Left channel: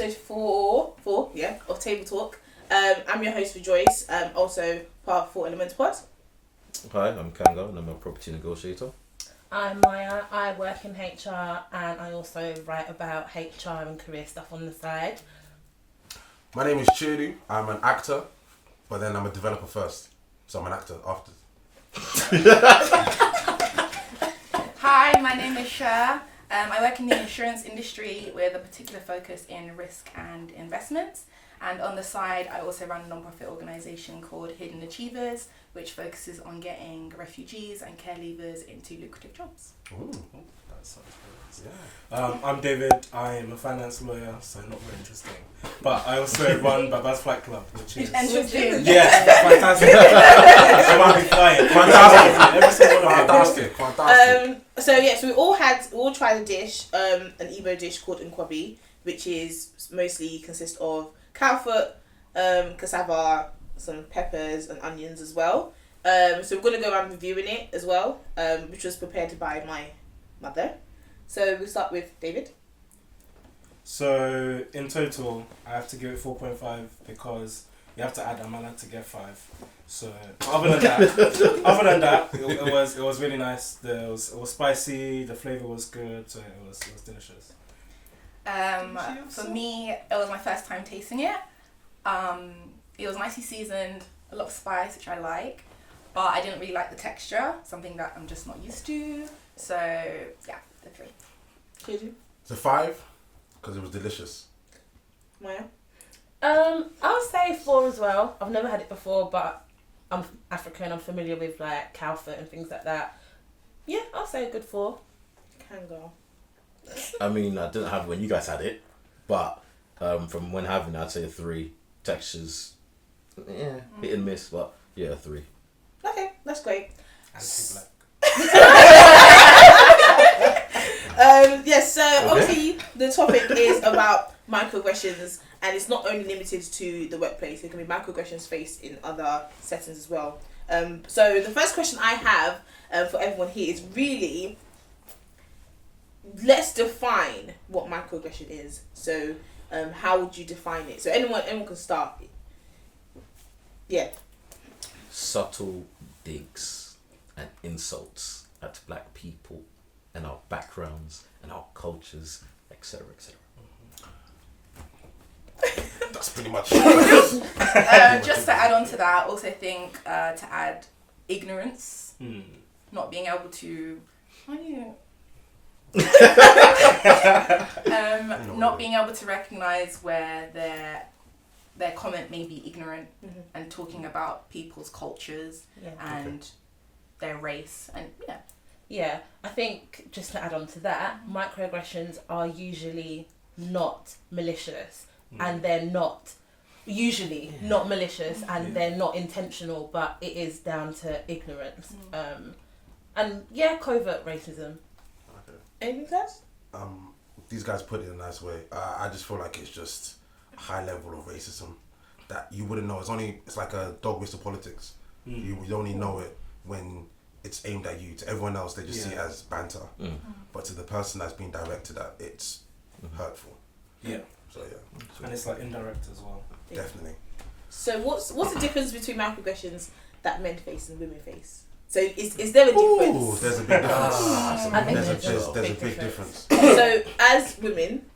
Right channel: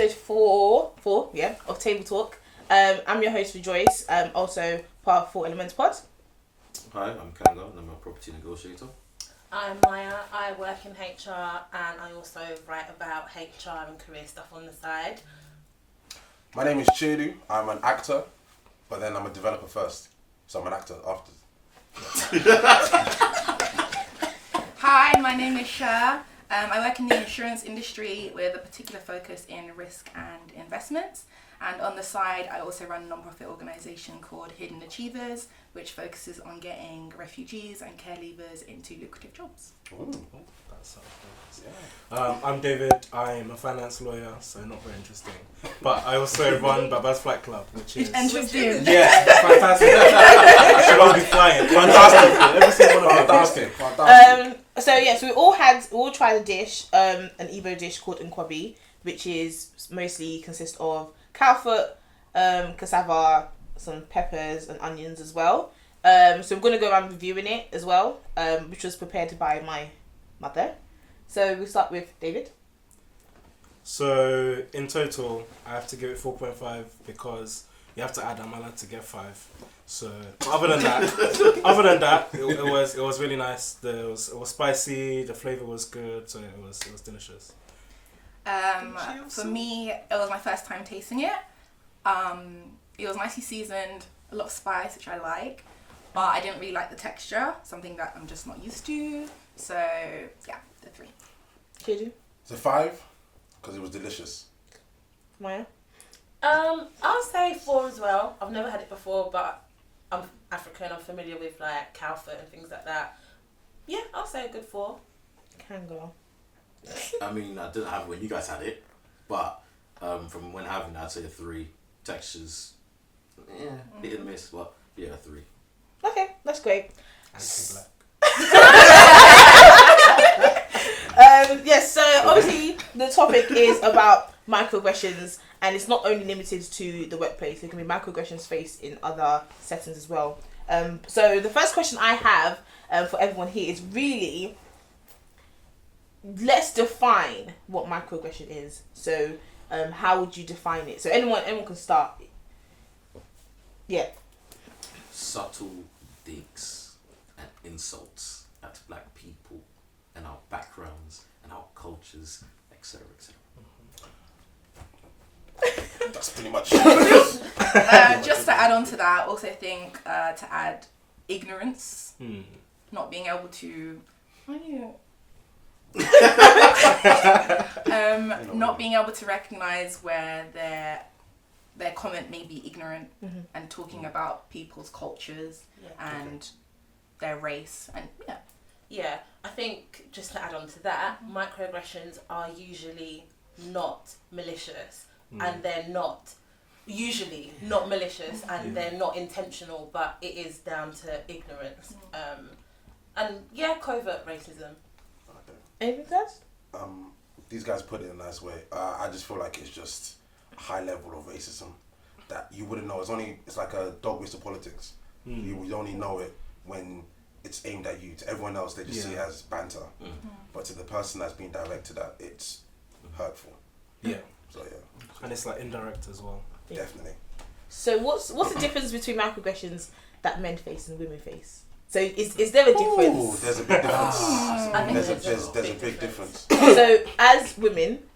episode four, of Table Talk. I'm your host, Rejoice. I'm also part of 4 Elements Pod. Hi, I'm Kanga and I'm a property negotiator. I'm Maia. I work in HR and I also write about HR and career stuff on the side. My name is Chiedu. I'm an actor, but then I'm a developer first. So I'm an actor after. Hi, my name is Sher. I work in the insurance industry with a particular focus in risk and investments. And on the side, I also run a non-profit organisation called Hidden Achievers, which focuses on getting refugees and care leavers into lucrative jobs. Ooh. That sounds nice. Yeah. I'm David. I'm a finance lawyer, so not very interesting. But I also run Baba's Flight Club, which is... Interesting. Yeah, fantastic. I won't be flying. Fantastic. So we all tried a dish, an Igbo dish called nkwabi, which is mostly consists of cowfoot, cassava, some peppers and onions as well. So we're gonna go around reviewing it as well, which was prepared by my mother. So we'll start with David. So in total, I have to give it 4.5 because you have to add amala to get 5. So other than that, it was really nice. It was spicy. The flavor was good. So it was delicious. For me, it was my first time tasting it. It was nicely seasoned, a lot of spice, which I like, but I didn't really like the texture, something that I'm just not used to. So yeah, the 3. Chiedu. It's a 5 because it was delicious. Maia. I'll say 4 as well. I've never had it before, but I'm African. I'm familiar with like cowfoot and things like that. Yeah, I'll say a good 4. Kanga. I mean, I didn't have when you guys had it, but from when having it, I'd say a 3. Textures, hit and miss, but yeah, 3. Okay, that's great. Anti-black. Yes, so obviously the topic is about microaggressions, and it's not only limited to the workplace. There can be microaggressions faced in other settings as well. So the first question I have for everyone here is really, let's define what microaggression is. So how would you define it? So anyone can start. Yeah. Subtle digs and insults at black people and our backgrounds and our cultures, etc., etc. That's pretty much Just to add on to that, I also think to add ignorance, not being able to... not being able to recognise where their comment may be ignorant, and talking about people's cultures and their race and Yeah, I think just to add on to that, microaggressions are usually not malicious, and they're not usually not malicious, and they're not intentional, but it is down to ignorance, and covert racism. Anything else? These guys put it in a nice way. I just feel like it's just a high level of racism that you wouldn't know. It's like a dog whistle politics. You only know it when it's aimed at you. To everyone else, they just see it as banter. But to the person that's being directed at, it's hurtful. Yeah. So yeah. And it's like indirect as well. Definitely. So what's the difference between microaggressions that men face and women face? So is there a difference? Ooh, there's a big difference. I think There's a big difference. So as women,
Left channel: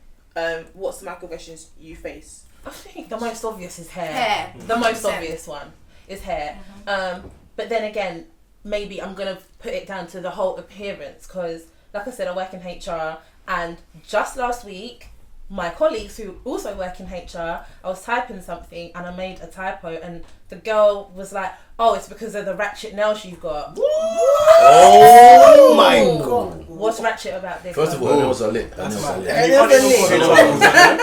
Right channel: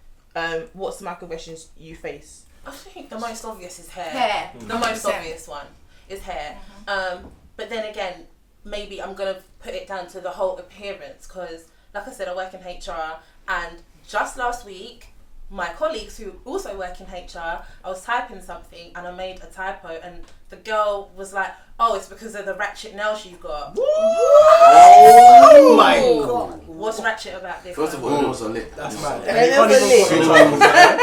what's the microaggressions you face? I think the most obvious is hair. hair. The most obvious one is hair. But then again, maybe I'm going to put it down to the whole appearance, because like I said, I work in HR, and just last week, my colleagues who also work in HR, I was typing something and I made a typo, and the girl was like, oh, it's because of the ratchet nails she's got. Oh my god! What's ratchet about this? First of all, it was a lip. That's That mad. nails And are you lit. can't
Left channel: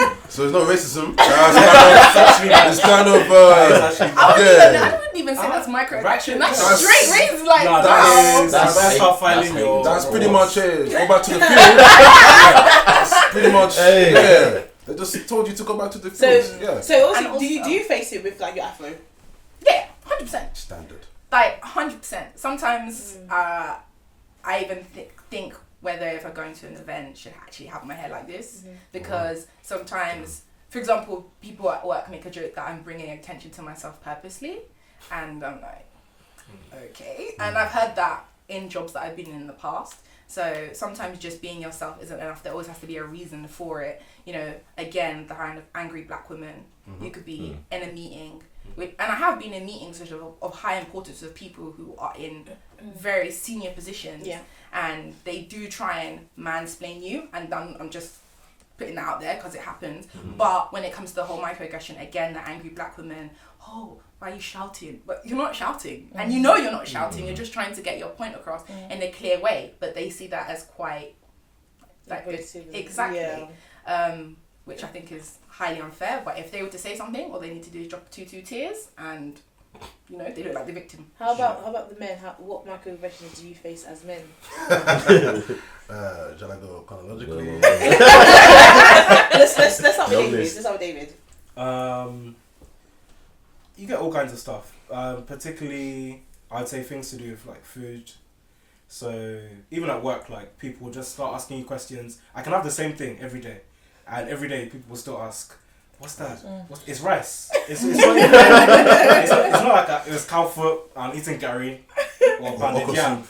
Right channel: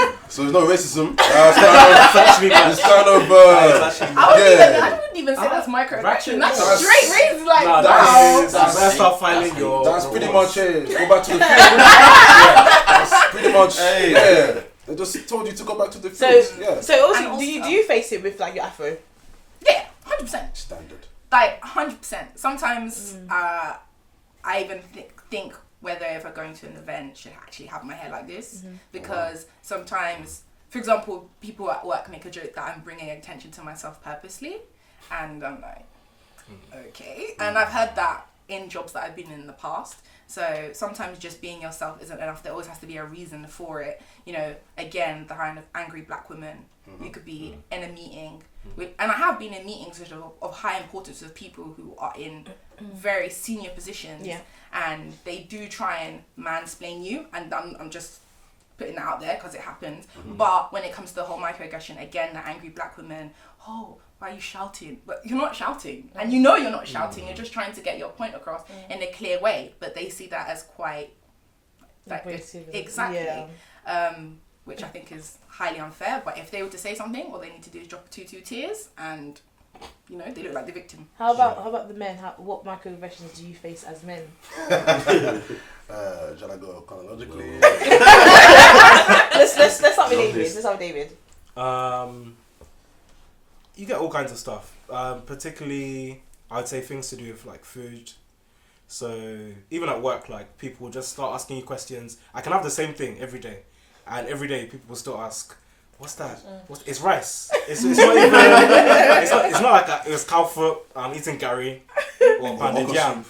even So there's no racism. It's kind of I wouldn't even say that's microaggression. That's straight racism. Like wow. That's how filing your... That's pretty much it. Go back to the field. That's pretty much yeah. They just told you to go back to the field. So also, do you face it with like your afro? Yeah, 100%. Standard. Like 100%. Sometimes I even think whether if I'm going to an event should actually have my hair like this, because sometimes for example, people at work make a joke that I'm bringing attention to myself purposely, and I'm like, okay. And I've heard that in jobs that I've been in the past. So sometimes just being yourself isn't enough. There always has to be a reason for it. You know, again, the kind of angry black woman. You could be in a meeting, and I have been in meetings of high importance with people who are in very senior positions, and they do try and mansplain you, and I'm just putting that out there because it happens. But when it comes to the whole microaggression, again, the angry black woman, oh, why are you shouting? But you're not shouting, and you know you're not shouting. You're just trying to get your point across in a clear way, but they see that as quite like exactly, which I think is highly unfair. But if they were to say something, all they need to do is drop two tears, and you know they look like the victim. How about the men? What microaggressions do you face as men? Shall I go chronologically? Let's start with David. Let's start with David. You get all kinds of stuff. Particularly, I'd say things to do with like food. So even at work, like people will just start asking you questions. I can have the same thing every day, and every day people will still ask, "What's that? It's rice." It's not even, it's not like it was cow foot. I'm eating gari or banded yam.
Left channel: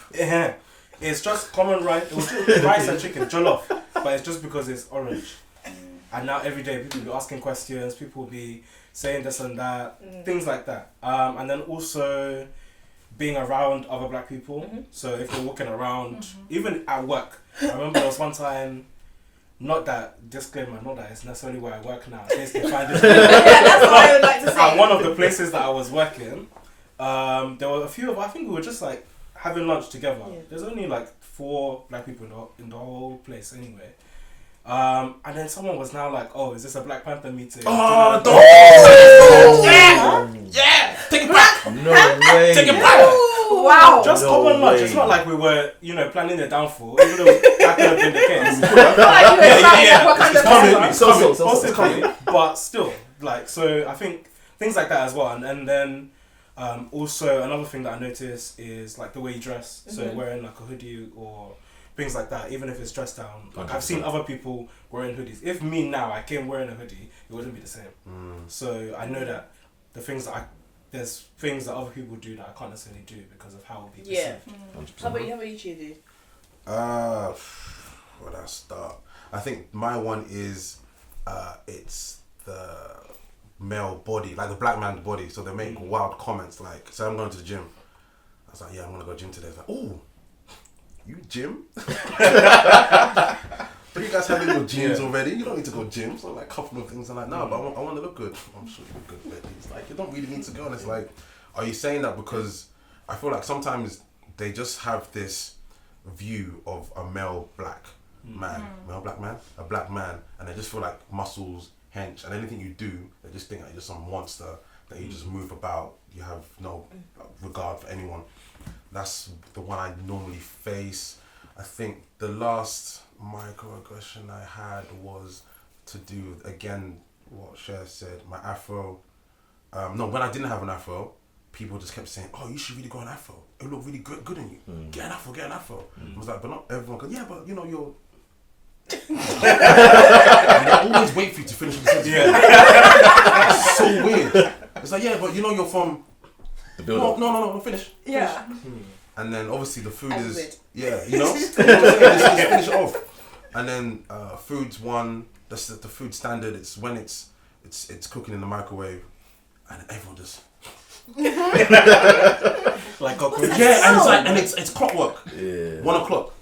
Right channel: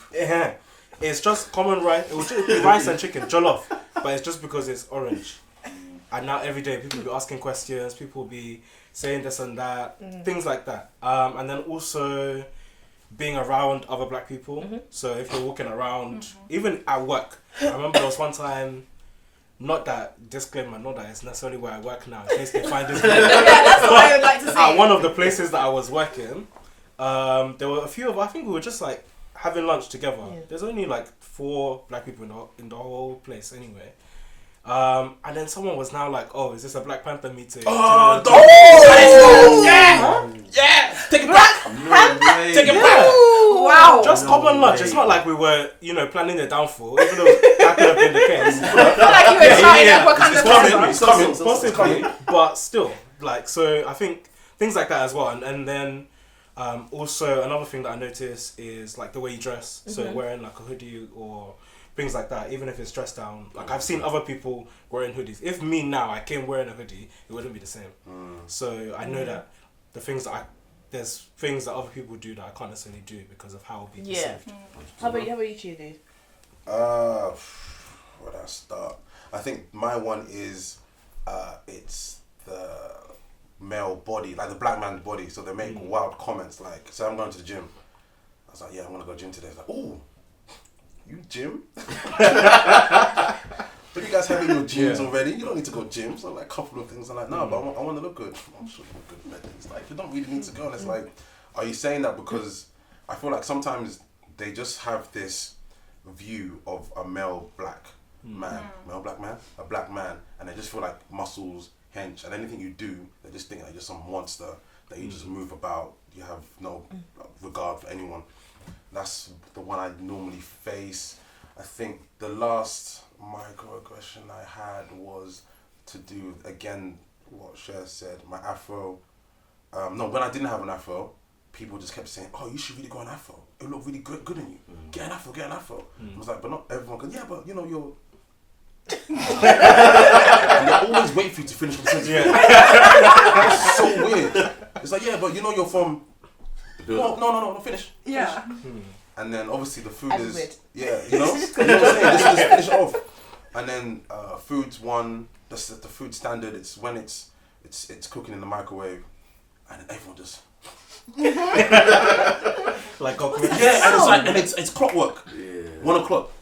It's just common rice. It was just rice and chicken, jollof, but it's just because it's orange. And now every day people will be asking questions. People will be saying this and that, things like that. And then also being around other black people. So if you're walking around, even at work, I remember there was one time, not that it's necessarily where I work now, in case they find it. That's what I would like to say. At one of the places that I was working, there were a few of, I think we were just like having lunch together. There's only like 4 black people in the whole place anyway. And then someone was now like, "Oh, is this a Black Panther meeting?" Yeah! Take it back! No way! Take it back! Wow! Just No common lunch. way. It's not like we were, planning their downfall, even though that could have been the case. It's Possibly, but still, like, so I think things like that as well. And then also another thing that I notice is like the way you dress. So wearing like a hoodie or things like that, even if it's dressed down. Like I've seen other people wearing hoodies. If me now, I came wearing a hoodie, it wouldn't be the same. So I know that there's things that other people do that I can't necessarily do because of how it'll be perceived. How about you, Chiedu? Where do I start? I think my one is it's the male body, like the black man's body. So they make wild comments like, say I'm going to the gym. I was like, yeah, I'm gonna go gym today. It's like, oh, you gym? But you guys having your gyms already. You don't need to go gym. So like a couple of things. I'm like, no, but I want to look good. I'm sure you look good. But it's like you don't really need to go. And it's like, are you saying that because I feel like sometimes they just have this view of a male black man, a black man, and they just feel like muscles, hench, and anything you do, they just think that you're just some monster that you just move about. You have no regard for anyone. That's the one I normally face. I think the last microaggression I had was to do with, again, what Sher said, my afro. No, when I didn't have an afro, people just kept saying, "Oh, you should really go an afro. It look really good on you. Get an afro, get an afro." I was like, but not everyone could. Yeah, but you're... And they always wait for you to finish the sentence. It's so weird. It's like, yeah, but you're from... No, finish. Yeah. And then obviously the food is... weird. Yeah, just finish it off. And then food's one, that's the food standard. It's when it's cooking in the microwave, and everyone just... Like cockroaches. Yeah, and it's like, and it's clockwork. Yeah. 1 o'clock.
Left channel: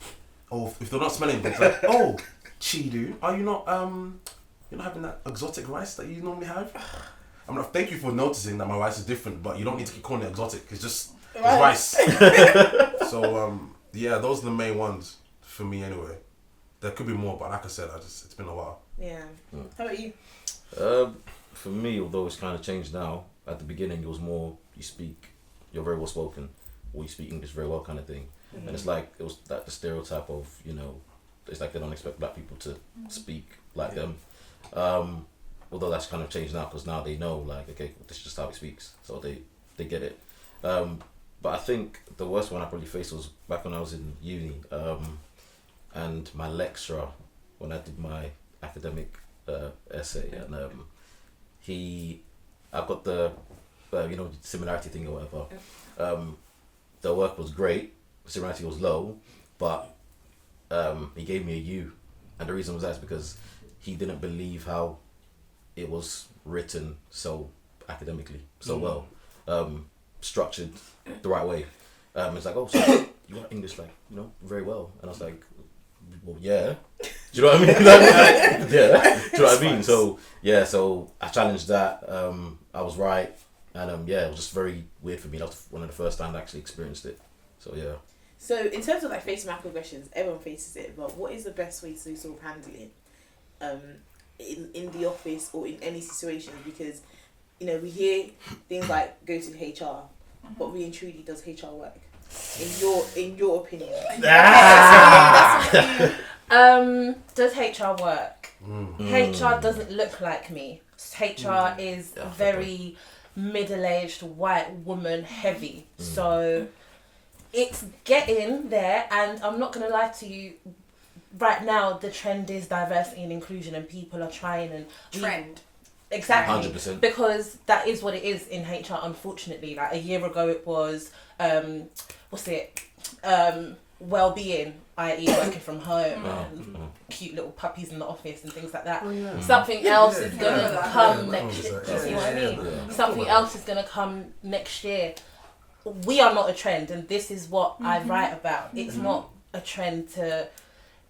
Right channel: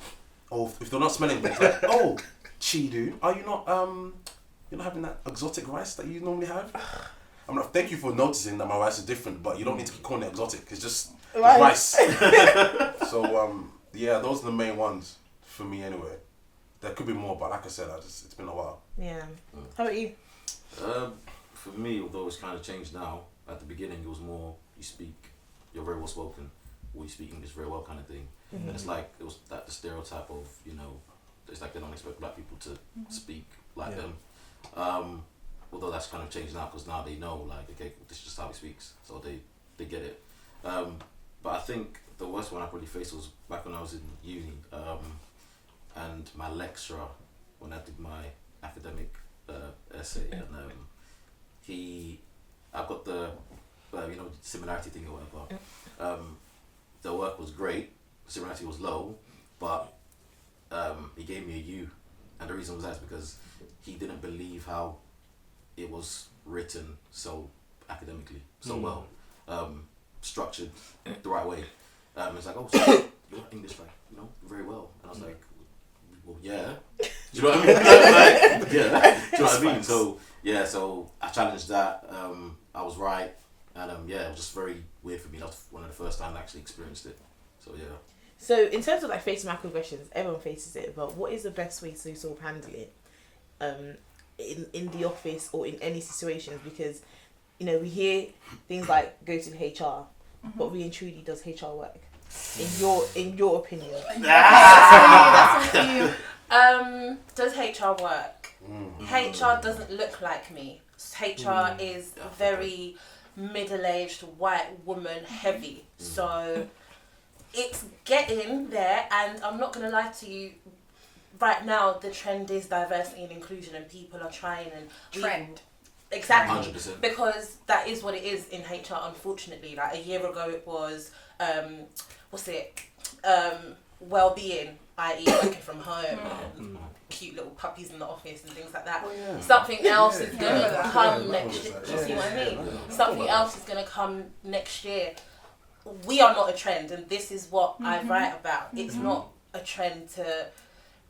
Oh, if they're not smelling, it's like, oh, Chiedu, are you not you're not having that exotic rice that you normally have? I'm like, thank you for noticing that my rice is different, but you don't need to keep calling it exotic. It's just it's rice. So yeah, those are the main ones for me anyway. There could be more, but like I said, it's been a while. Yeah. How about you? For me, although it's kind of changed now, at the beginning it was more you're very well spoken, or you speak English very well kind of thing. And it's like, it was like the stereotype of, it's like they don't expect black people to speak like them. Although that's kind of changed now, because now they know, like, okay, this is just how he speaks, so they get it. But I think the worst one I probably faced was back when I was in uni, and my lecturer, when I did my academic essay, and I got the similarity thing or whatever. The work was great, similarity was low, but he gave me a U, and the reason was that's because he didn't believe how it was written so academically, so well, structured the right way. It's like, oh, so you write English very well, and I was like, well, yeah. Do you know what I mean? Yeah. Do you know what I mean? So I challenged that. I was right, and it was just very weird for me. That was one of the first times I actually experienced it. So yeah. So in terms of like facing microaggressions, everyone faces it, but what is the best way to sort of handle it in the office or in any situations? Because we hear things like go to HR, but really and truly, does HR work? In your opinion? That's on you. Does HR work? HR doesn't look like me. HR is very middle-aged white woman heavy. So it's getting there, and I'm not gonna lie to you. Right now, the trend is diversity and inclusion, and people are trying exactly 100%. Because that is what it is in HR. Unfortunately, like a year ago, it was well-being, i.e. working from home and cute little puppies in the office and things like that. Something else is gonna come next year. Do you see what I mean? Something else is gonna come next year. We are not a trend, and this is what I write about. It's not a trend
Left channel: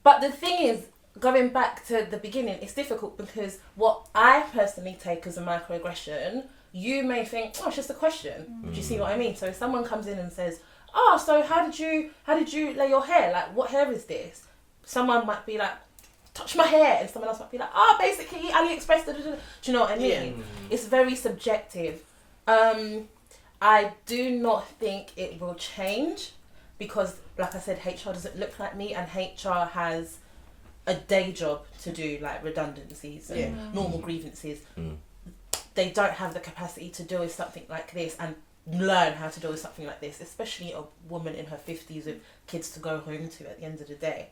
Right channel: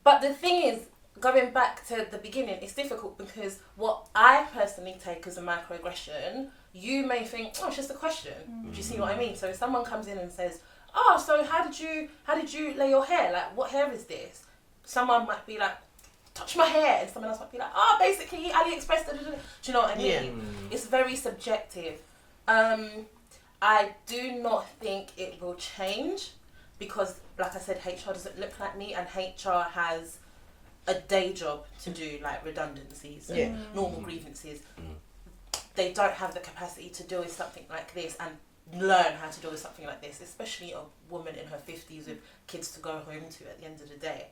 but the thing is, going back to the beginning, it's difficult because what I personally take as a microaggression, you may think, oh, it's just a question. Do you see what I mean? So if someone comes in and says, oh, so how did you lay your hair? Like, what hair is this? Someone might be like, touch my hair, and someone else might be like, oh, basically AliExpress. Do you know what I mean? It's very subjective. I do not think it will change because, like I said, HR doesn't look like me, and HR has a day job to do, like redundancies and normal grievances. They don't have the capacity to deal with something like this and learn how to deal with something like this, especially a woman in her 50s with kids to go home to at the end of the day.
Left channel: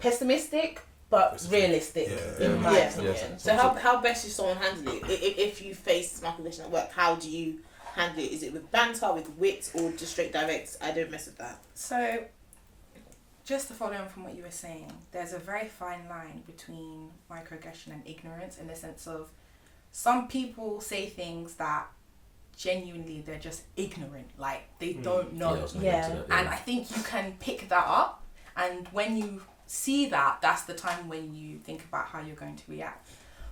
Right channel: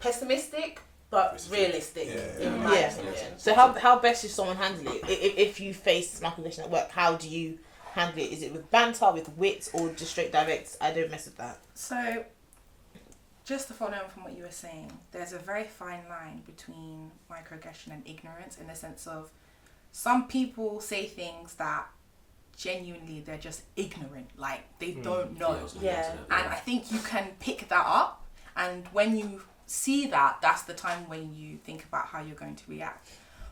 Pessimistic, but realistic, in my opinion. So how best should someone handle it? If you face microaggression at work, how do you handle it? Is it with banter, with wit, or just straight direct? I don't mess with that. So, just to follow on from what you were saying, there's a very fine line between microaggression and ignorance, in the sense of some people say things that genuinely they're just ignorant, like they don't know. And I think you can pick that up, and when you see that, that's the time when you think about how you're going to react.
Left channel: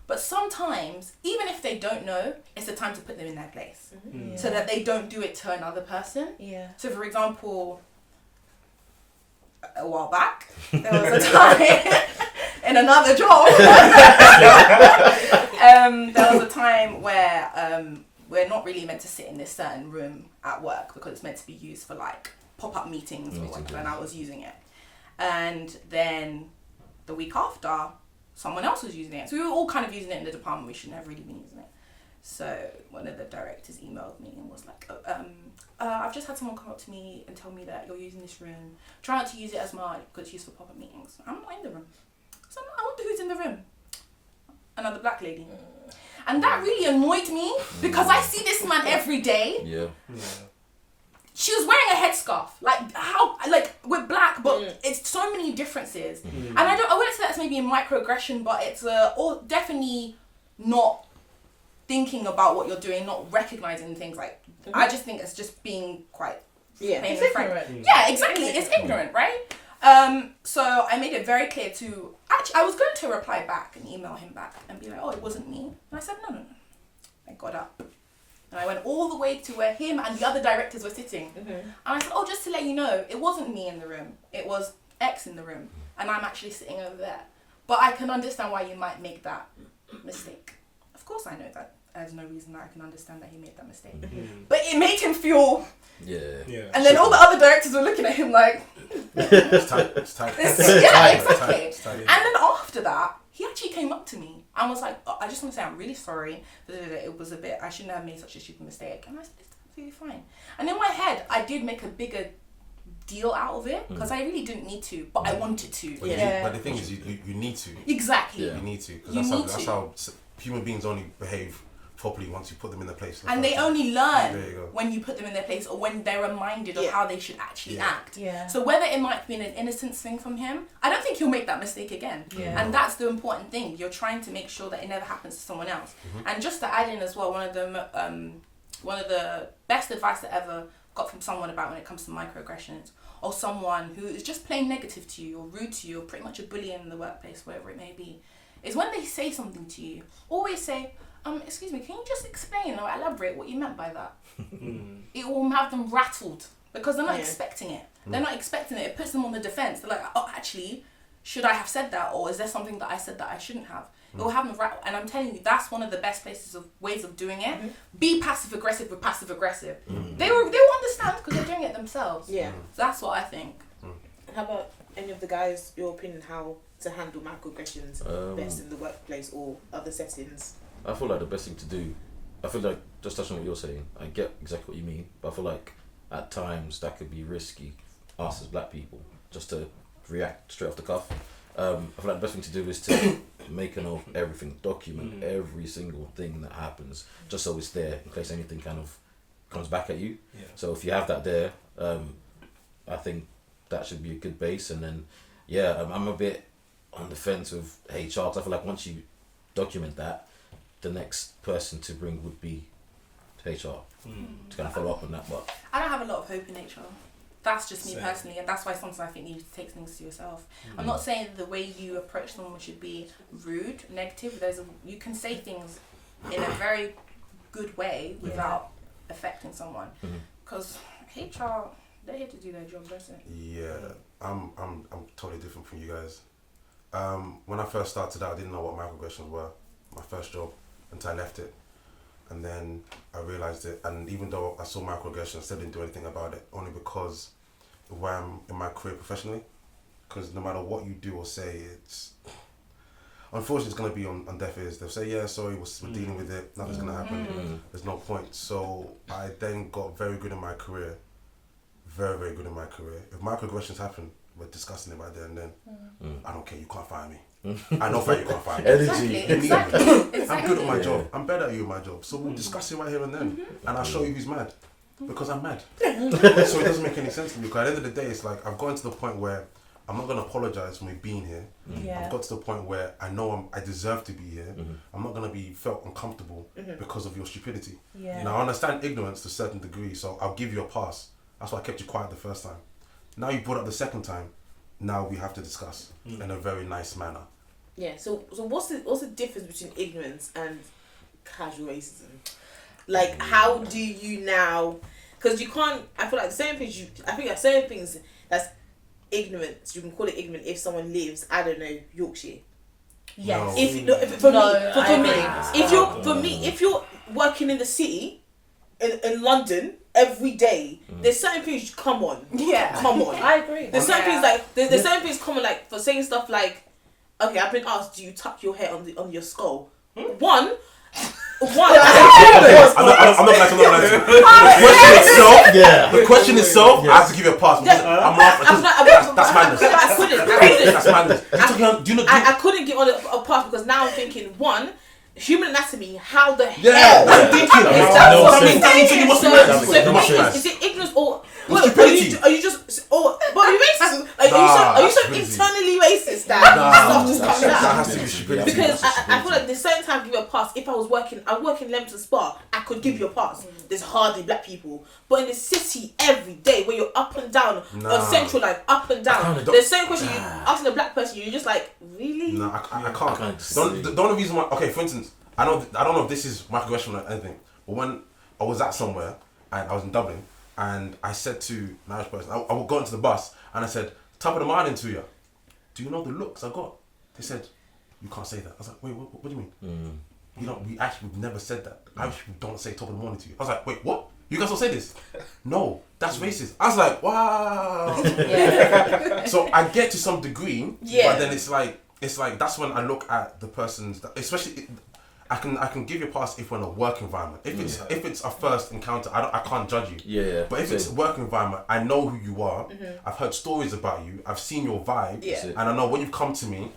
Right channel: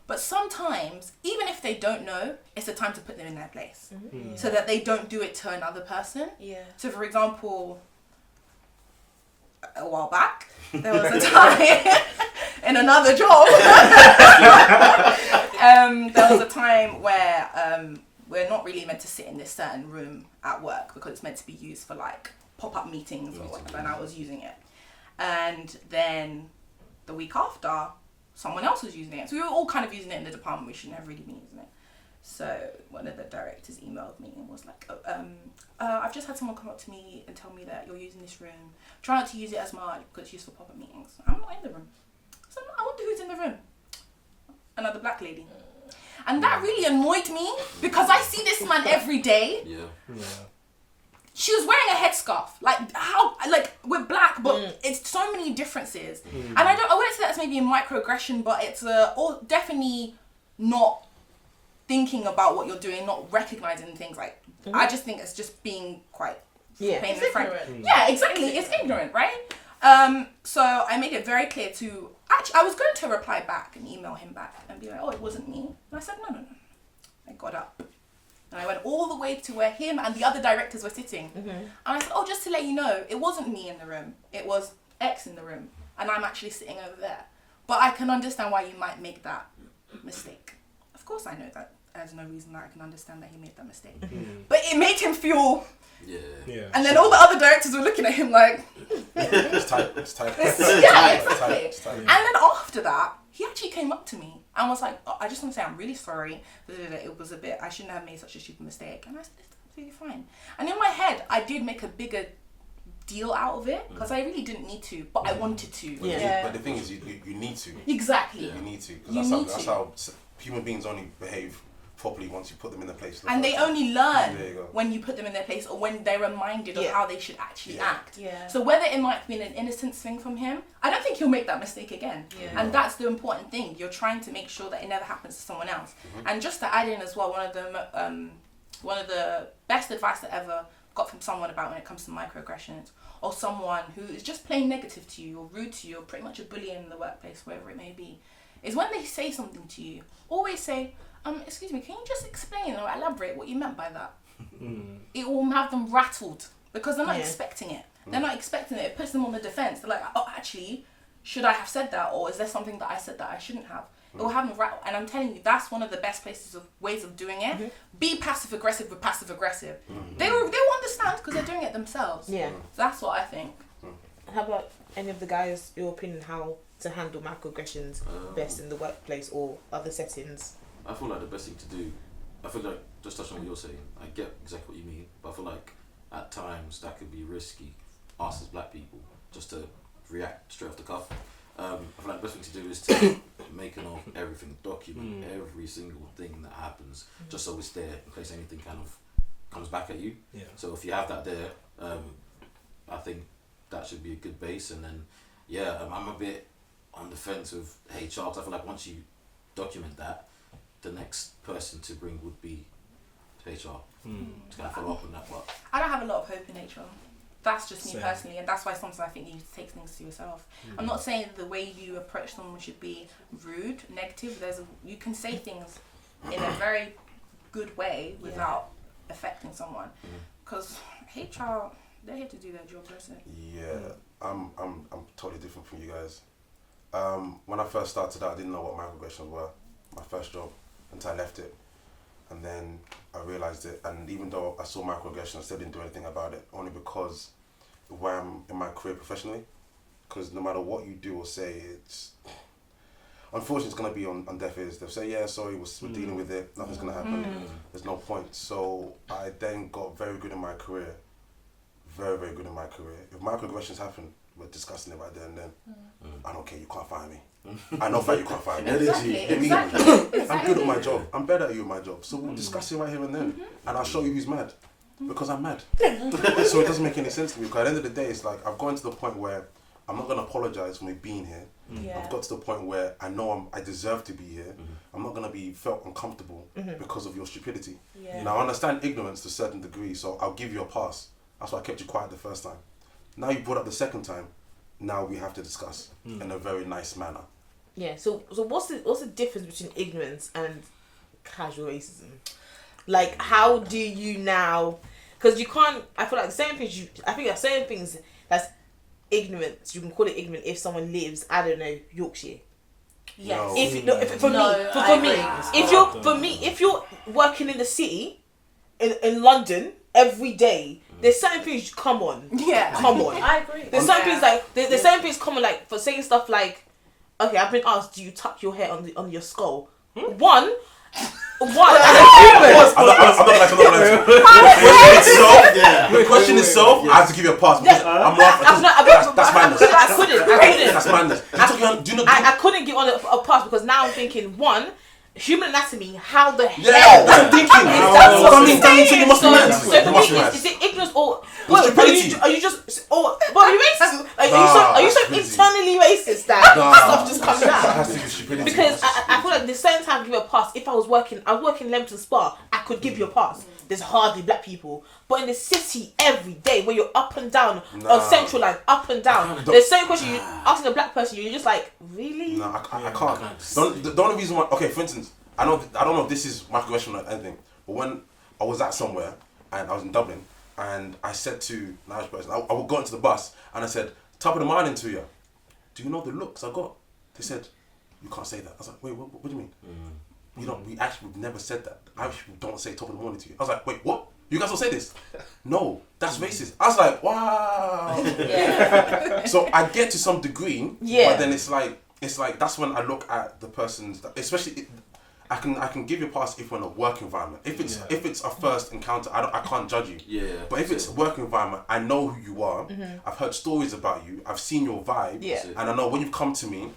But sometimes, even if they don't know, it's a time to put them in their place so that they don't do it to another person. So for example, a while back, there was a time in another job, there was a time where we're not really meant to sit in this certain room at work because it's meant to be used for like pop-up meetings or whatever, and I was using it. And then the week after, someone else was using it. So we were all kind of using it in the department. We shouldn't have really been using it. So one of the directors emailed me and was like, I've just had someone come up to me and tell me that you're using this room. Try not to use it as much because it's used for pop-up meetings. I'm not in the room. So I wonder who's in the room. Another black lady. And that really annoyed me because I see this man every day. She was wearing a headscarf, we're black, but it's so many differences. And I wouldn't say that's maybe a microaggression, but it's definitely not thinking about what you're doing, not recognizing things. Like I just think it's just being quite it's ignorant. Yeah, exactly. It's ignorant, right? So I made it very clear to. Actually, I was going to reply back and email him back and be like, "Oh, it wasn't me." And I said, "No." I got up. And I went all the way to where him and the other directors were sitting. And I said, oh, just to let you know, it wasn't me in the room. It was X in the room. And I'm actually sitting over there. But I can understand why you might make that mistake. Of course I know that. There's no reason that I can understand that he made that mistake. But it made him feel... And then all the other directors were looking at him like... It's tight. Yeah, exactly. And then after that, he actually came up to me and was like, oh, I just want to say I'm really sorry. It was a bit, I shouldn't have made such a stupid mistake. And I said, it's absolutely fine. And in my head, I did make a bigger deal out of it because I really didn't need to, but I wanted to. But the thing is, you need to. Exactly. You need to. You need That's to. how human beings only behave properly once you put them in their place. And they only learn There you go. when you put them in their place or when they're reminded of how they should actually act. Yeah. So whether it might be an innocent thing from him, I don't think he'll make that mistake again. Yeah. And that's the important thing. You're trying to make sure that it never happens to someone else. And just to add in as well, one of the best advice I ever got from someone about when it comes to microaggressions, or someone who is just plain negative to you or rude to you or pretty much a bully in the workplace, wherever it may be, is when they say something to you, always say, excuse me, can you just explain or elaborate what you meant by that? It will have them rattled because they're not expecting it. They're not expecting it. It puts them on the defense. They're like, oh, actually, should I have said that? Or is there something that I said that I shouldn't have? It will have them rattled. And I'm telling you, that's one of the best ways of doing it. Be passive aggressive with passive aggressive. They will understand because they're doing it themselves. Yeah. So that's what I think. How about any of the guys, your opinion, how to handle microaggressions best in the workplace or other settings? I feel like the best thing to do, I feel like, just touching on what you're saying, I get exactly what you mean, but I feel like at times that could be risky, us as black people, just to react straight off the cuff. I feel like the best thing to do is to make a note of everything, document every single thing that happens, just so it's there in case anything kind of comes back at you. Yeah. So if you have that there, I think that should be a good base. And then, I'm a bit on the fence with HR, because I feel like once you document that, the next person to bring would be HR to kind of follow up on that. But I don't have a lot of hope in HR. That's just me Same. personally, and that's why sometimes I think you need to take things to yourself. I'm not saying the way you approach someone should be rude, negative. You can say things in a very good way without affecting someone. Because HR, they're here to do their job, that's it. Yeah, I'm totally different from you guys. When I first started out, I didn't know what microaggressions were. My first job, until I left it, and then I realised it. And even though I saw microaggressions, I still didn't do anything about it, only because of where I'm in my career professionally. Because no matter what you do or say, it's unfortunately it's gonna be on deaf ears. They'll say, "Yeah, sorry, we're dealing with it. Nothing's gonna happen. There's no point." So I then got very good in my career, very, very good in my career. If microaggressions happen, we're discussing it right there and then. I don't care. You can't fire me. I know that you can't fire me. Exactly. I'm good at my job. I'm better at you at my job. So we'll discuss it right here and then. And I'll show you who's mad. Because I'm mad. So it doesn't make any sense to me. Because at the end of the day, it's like I've gotten to the point where I'm not going to apologise for me being here. I've got to the point where I know I deserve to be here. I'm not going to be felt uncomfortable because of your stupidity. Now I understand ignorance to a certain degree, so I'll give you a pass. That's why I kept you quiet the first time. Now you brought up the second time. Now we have to discuss in a very nice manner. Yeah. So what's the difference between ignorance and casual racism? Like, how do you now? Because you can't. I feel like certain things. I think there are certain things that's ignorance. You can call it ignorant if someone lives, I don't know, Yorkshire. Yes. No. If you're working in the city, in London every day, there's certain things. Come on. I agree. There's certain things like there's certain things common, like for saying stuff like, okay, I've been asked, do you tuck your hair on your skull? One. I'm not gonna The question itself, I have to give you a pass because I'm laughing. That's madness. I couldn't. That's madness. I couldn't get on a pass because now I'm thinking, one, human anatomy, how the hell? Yeah, I'm thinking. You must be mad. So is it ignorance or stupidity? Are you just are you racist? Are you so internally racist that stuff just comes out? That has to be stupidity. Because I feel like there's certain time to give a pass. If I was working in Leamington Spa, I could give you a pass. There's hardly black people, but in the city every day, where you're up and down on Central Line, up and down. There's certain question you asking a black person, you're just like, really? No, I can't. The only reason why, okay, for instance, I don't know if this is microaggression or anything, but when I was at somewhere and I was in Dublin and I said to an Irish person, I would go into the bus and I said, top of the morning to you. Do you know the looks I got? They said, you can't say that. I was like, wait, what do you mean? We've never said that. Irish people don't say top of the morning to you. I was like, wait, what? You guys don't say this? No, that's racist. I was like, wow. So I get to some degree, but then it's like that's when I look at the person's, especially I can give you a pass if we're in a work environment. If it's a first encounter, I can't judge you. Yeah. But if it's a work environment, I know who you are. I've heard stories about you. I've seen your vibe. Yeah. And I know when you've come to me,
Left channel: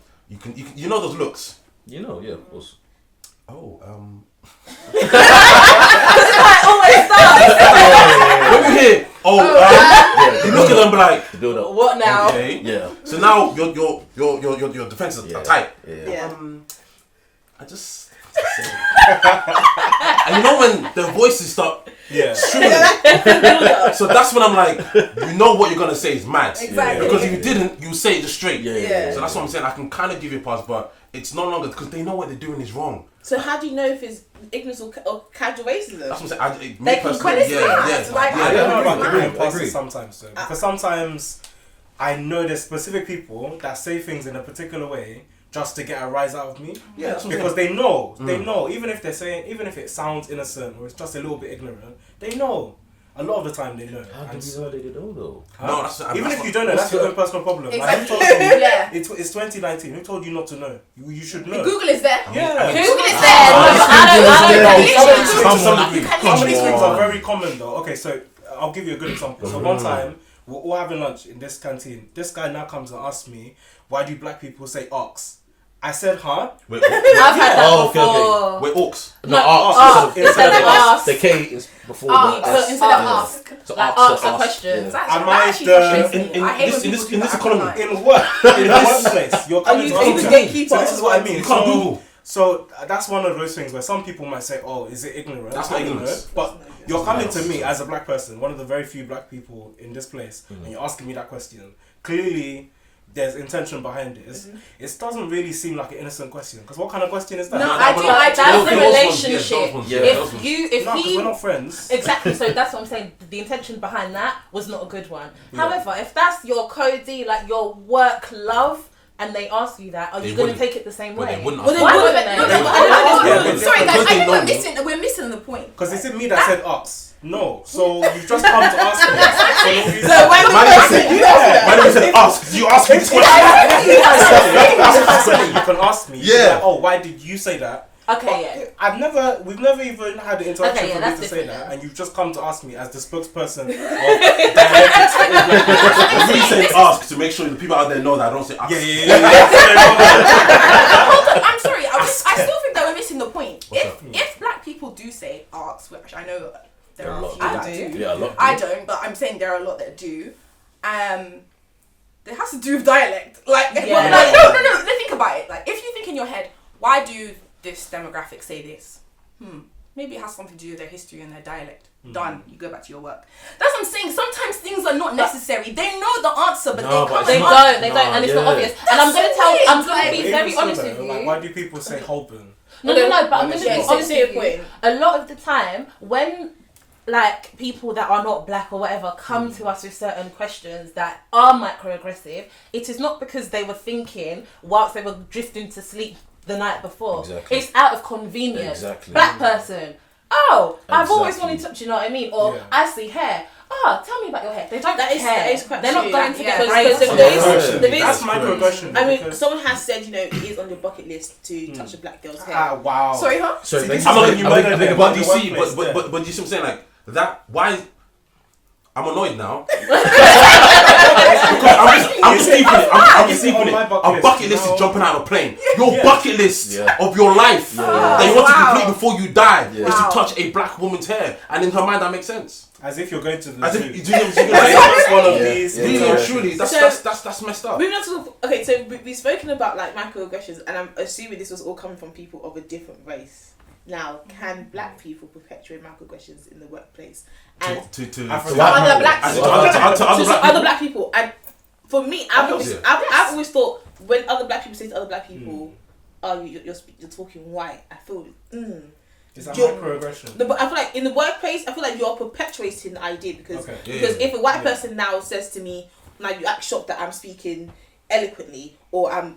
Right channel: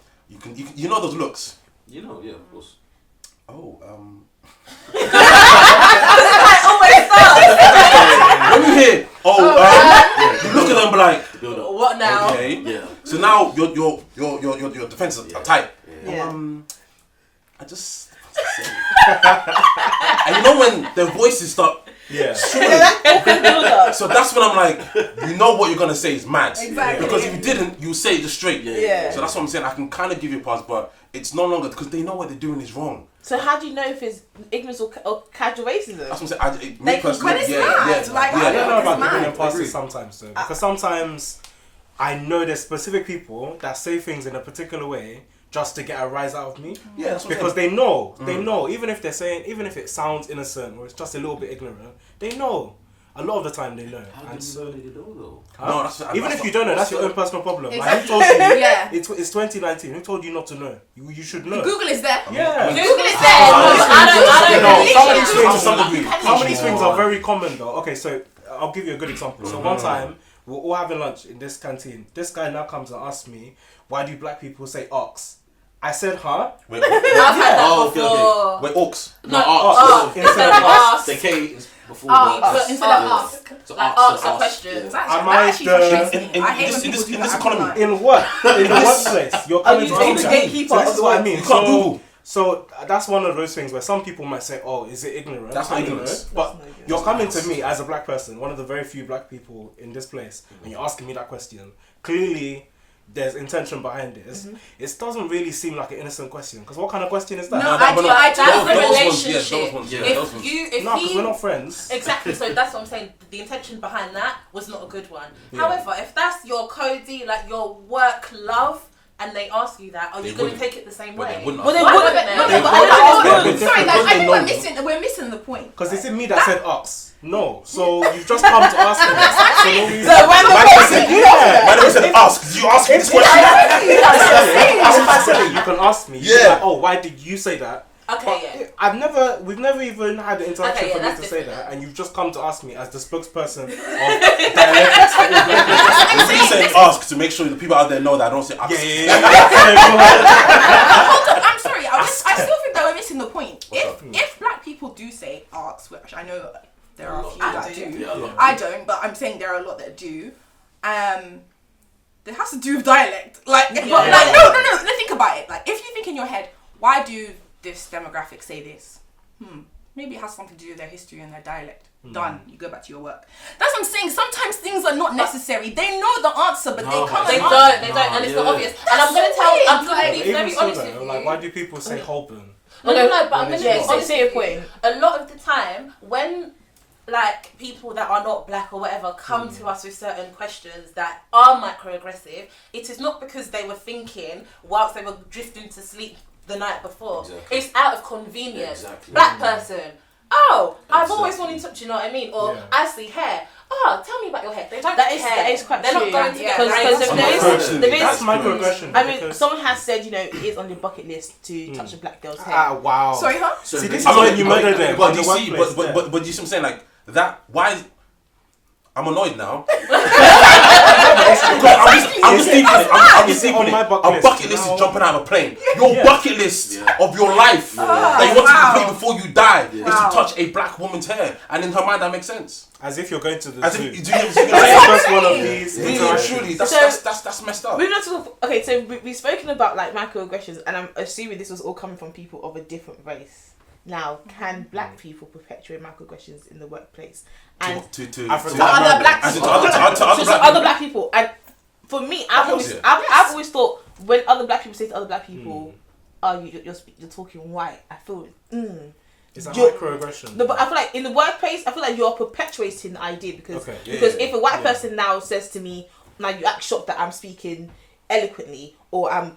you know those looks. You know, yeah, of course. Oh, I always start. when you hear, you look at them like, What now? okay. Yeah. So now your defenses are tight. Yeah. I just and you know when their voices start shrilling. So that's when I'm like, you know what you're gonna say is mad. Exactly. Because if you didn't, you say it just straight. Yeah. So that's what I'm saying. I can kind of give you a pass, but it's no longer because they know what they're doing is wrong. So how do you know if it's ignorance or casual racism? That's what I'm saying. They can But it's mad. Like, I don't know about It's giving mad. passes sometimes though, because sometimes I know there's specific people that say things in a particular way just to get a rise out of me. Yeah, that's what I'm Because saying. they know, even if it sounds innocent or it's just a little bit ignorant, they know. A lot of the time they know. How do you know they know though? No, that's Even if you don't know, that's your own personal problem. Like, Exactly. who told you? Yeah. It's 2019. Who told you not to know? You should know. Google is there. Yeah. Google is there. Some of Literally. these things are very common though. Okay, so I'll give you a good example. So one time we're all having lunch in this canteen. This guy now comes and asks me, "Why do black people say ox?" I said, "Huh?" Wait, I've had that Oh, okay, before. wait, orcs. No, ox. Instead of Ox. The K is before Instead of ask. So Like ask ask a question. That Am I actually the- frustrates me. in I hate when this- people do in this that. economy? I can't lie. In work, in the workplace, you're coming to you ask the me. gatekeeper. So this is what I mean. You can't Google. So that's one of those things where some people might say, "Oh, is it ignorant?" That's I not don't ignorance. know. But you're coming to me as a black person, one of the very few black people in this place, and you're asking me that question. Clearly, there's intention behind this. It doesn't really seem like an innocent question. Because what kind of question is that? No, No, I but do. not- I do. That's the Those ones, relationship. yeah, those ones, yeah, If those ones. you, No, because if we're you, not friends. exactly. So that's what I'm saying. The intention behind that was not a good one. However, if that's your codie, like your work love, and they ask you that, are They you going to wouldn't. take it the same But way? they wouldn't Well, they Why wouldn't. wouldn't they? No, But but I I- don't know. Yeah, Sorry guys, I Because think they know. we're missing the point. Because it's in me that said ox. No. So you've just come to ask me. So So when the My name person is you my name is ask. Did you ask me this question? you can ask me. Yeah. Like, oh, why did you say that? Okay, yeah. We've never even had the interaction Okay, yeah, for me that's to say different. that, and you've just come to ask me as the spokesperson of dialectics. I really said ask to make sure the people out there know that I don't say ask. Yeah. I'm sorry. I still think that we're missing the point. If black people do say arcs, which I know there are a few that do. Yeah, a lot. I don't, but I'm saying there are a lot that do. It has to do with dialect. Like, but Yeah. like no. Let's think about it. Like, if you think in your head, why do this demographic say this? Maybe it has something to do with their history and their dialect. Done. You go back to your work. That's what I'm saying. Sometimes things are not necessary. They know the answer, but No, they but come. They and don't, and it's Yeah. not obvious. And I'm going to tell, I'm going to be Even very so, honest though, with you. like, why do people say Holborn? No, but I'm going to be Yeah. honest Say with your you. point. A lot of the time, when like people that are not black or whatever come to us with certain questions that are microaggressive, it is not because they were thinking whilst they were drifting to sleep the night before. Exactly. It's out of convenience. Exactly. Black person. Oh, I've always Exactly. wanted to, do you know what I mean? Or Yeah. I see hair. Oh, tell me about your hair. They don't That is- care. that is quite They're not true. going to Yeah, get right. because That's the microaggression. base. That's microaggression. I mean, because- someone has said, it is on your bucket list to touch a black girl's hair. Ah, wow. Sorry, huh? So See, they- this I'm is not. like you murdered them But in you the see, workplace, but you see what I'm saying? Like that. Why? I'm annoyed now. I'm just thinking it. I'm just Is it on thinking my it. bucket A list? bucket list No. is jumping out of a plane. Your Yeah. bucket list Yeah. of your life that you want to complete before you die is Wow. to touch a black woman's hair, and in her mind that makes sense. As if you're going to the As zoo. if you do you know what I'm That's saying? the first one of these. Really and interactions. truly, So- that's messed up. Moving on to okay, so we've spoken about like microaggressions, and I'm assuming this was all coming from people of a different race. Now, can black people perpetuate microaggressions in the workplace? And To African- Other black and to people. other black people, and for me, I've Of course, I've always thought when other black people say to other black people, "Oh, you're talking white," I feel. Is that You're- microaggression? No, but I feel like in the workplace, I feel like you're perpetuating the idea because Okay. because Yeah. if a white Yeah. person now says to me, "Now you act shocked that I'm speaking eloquently or I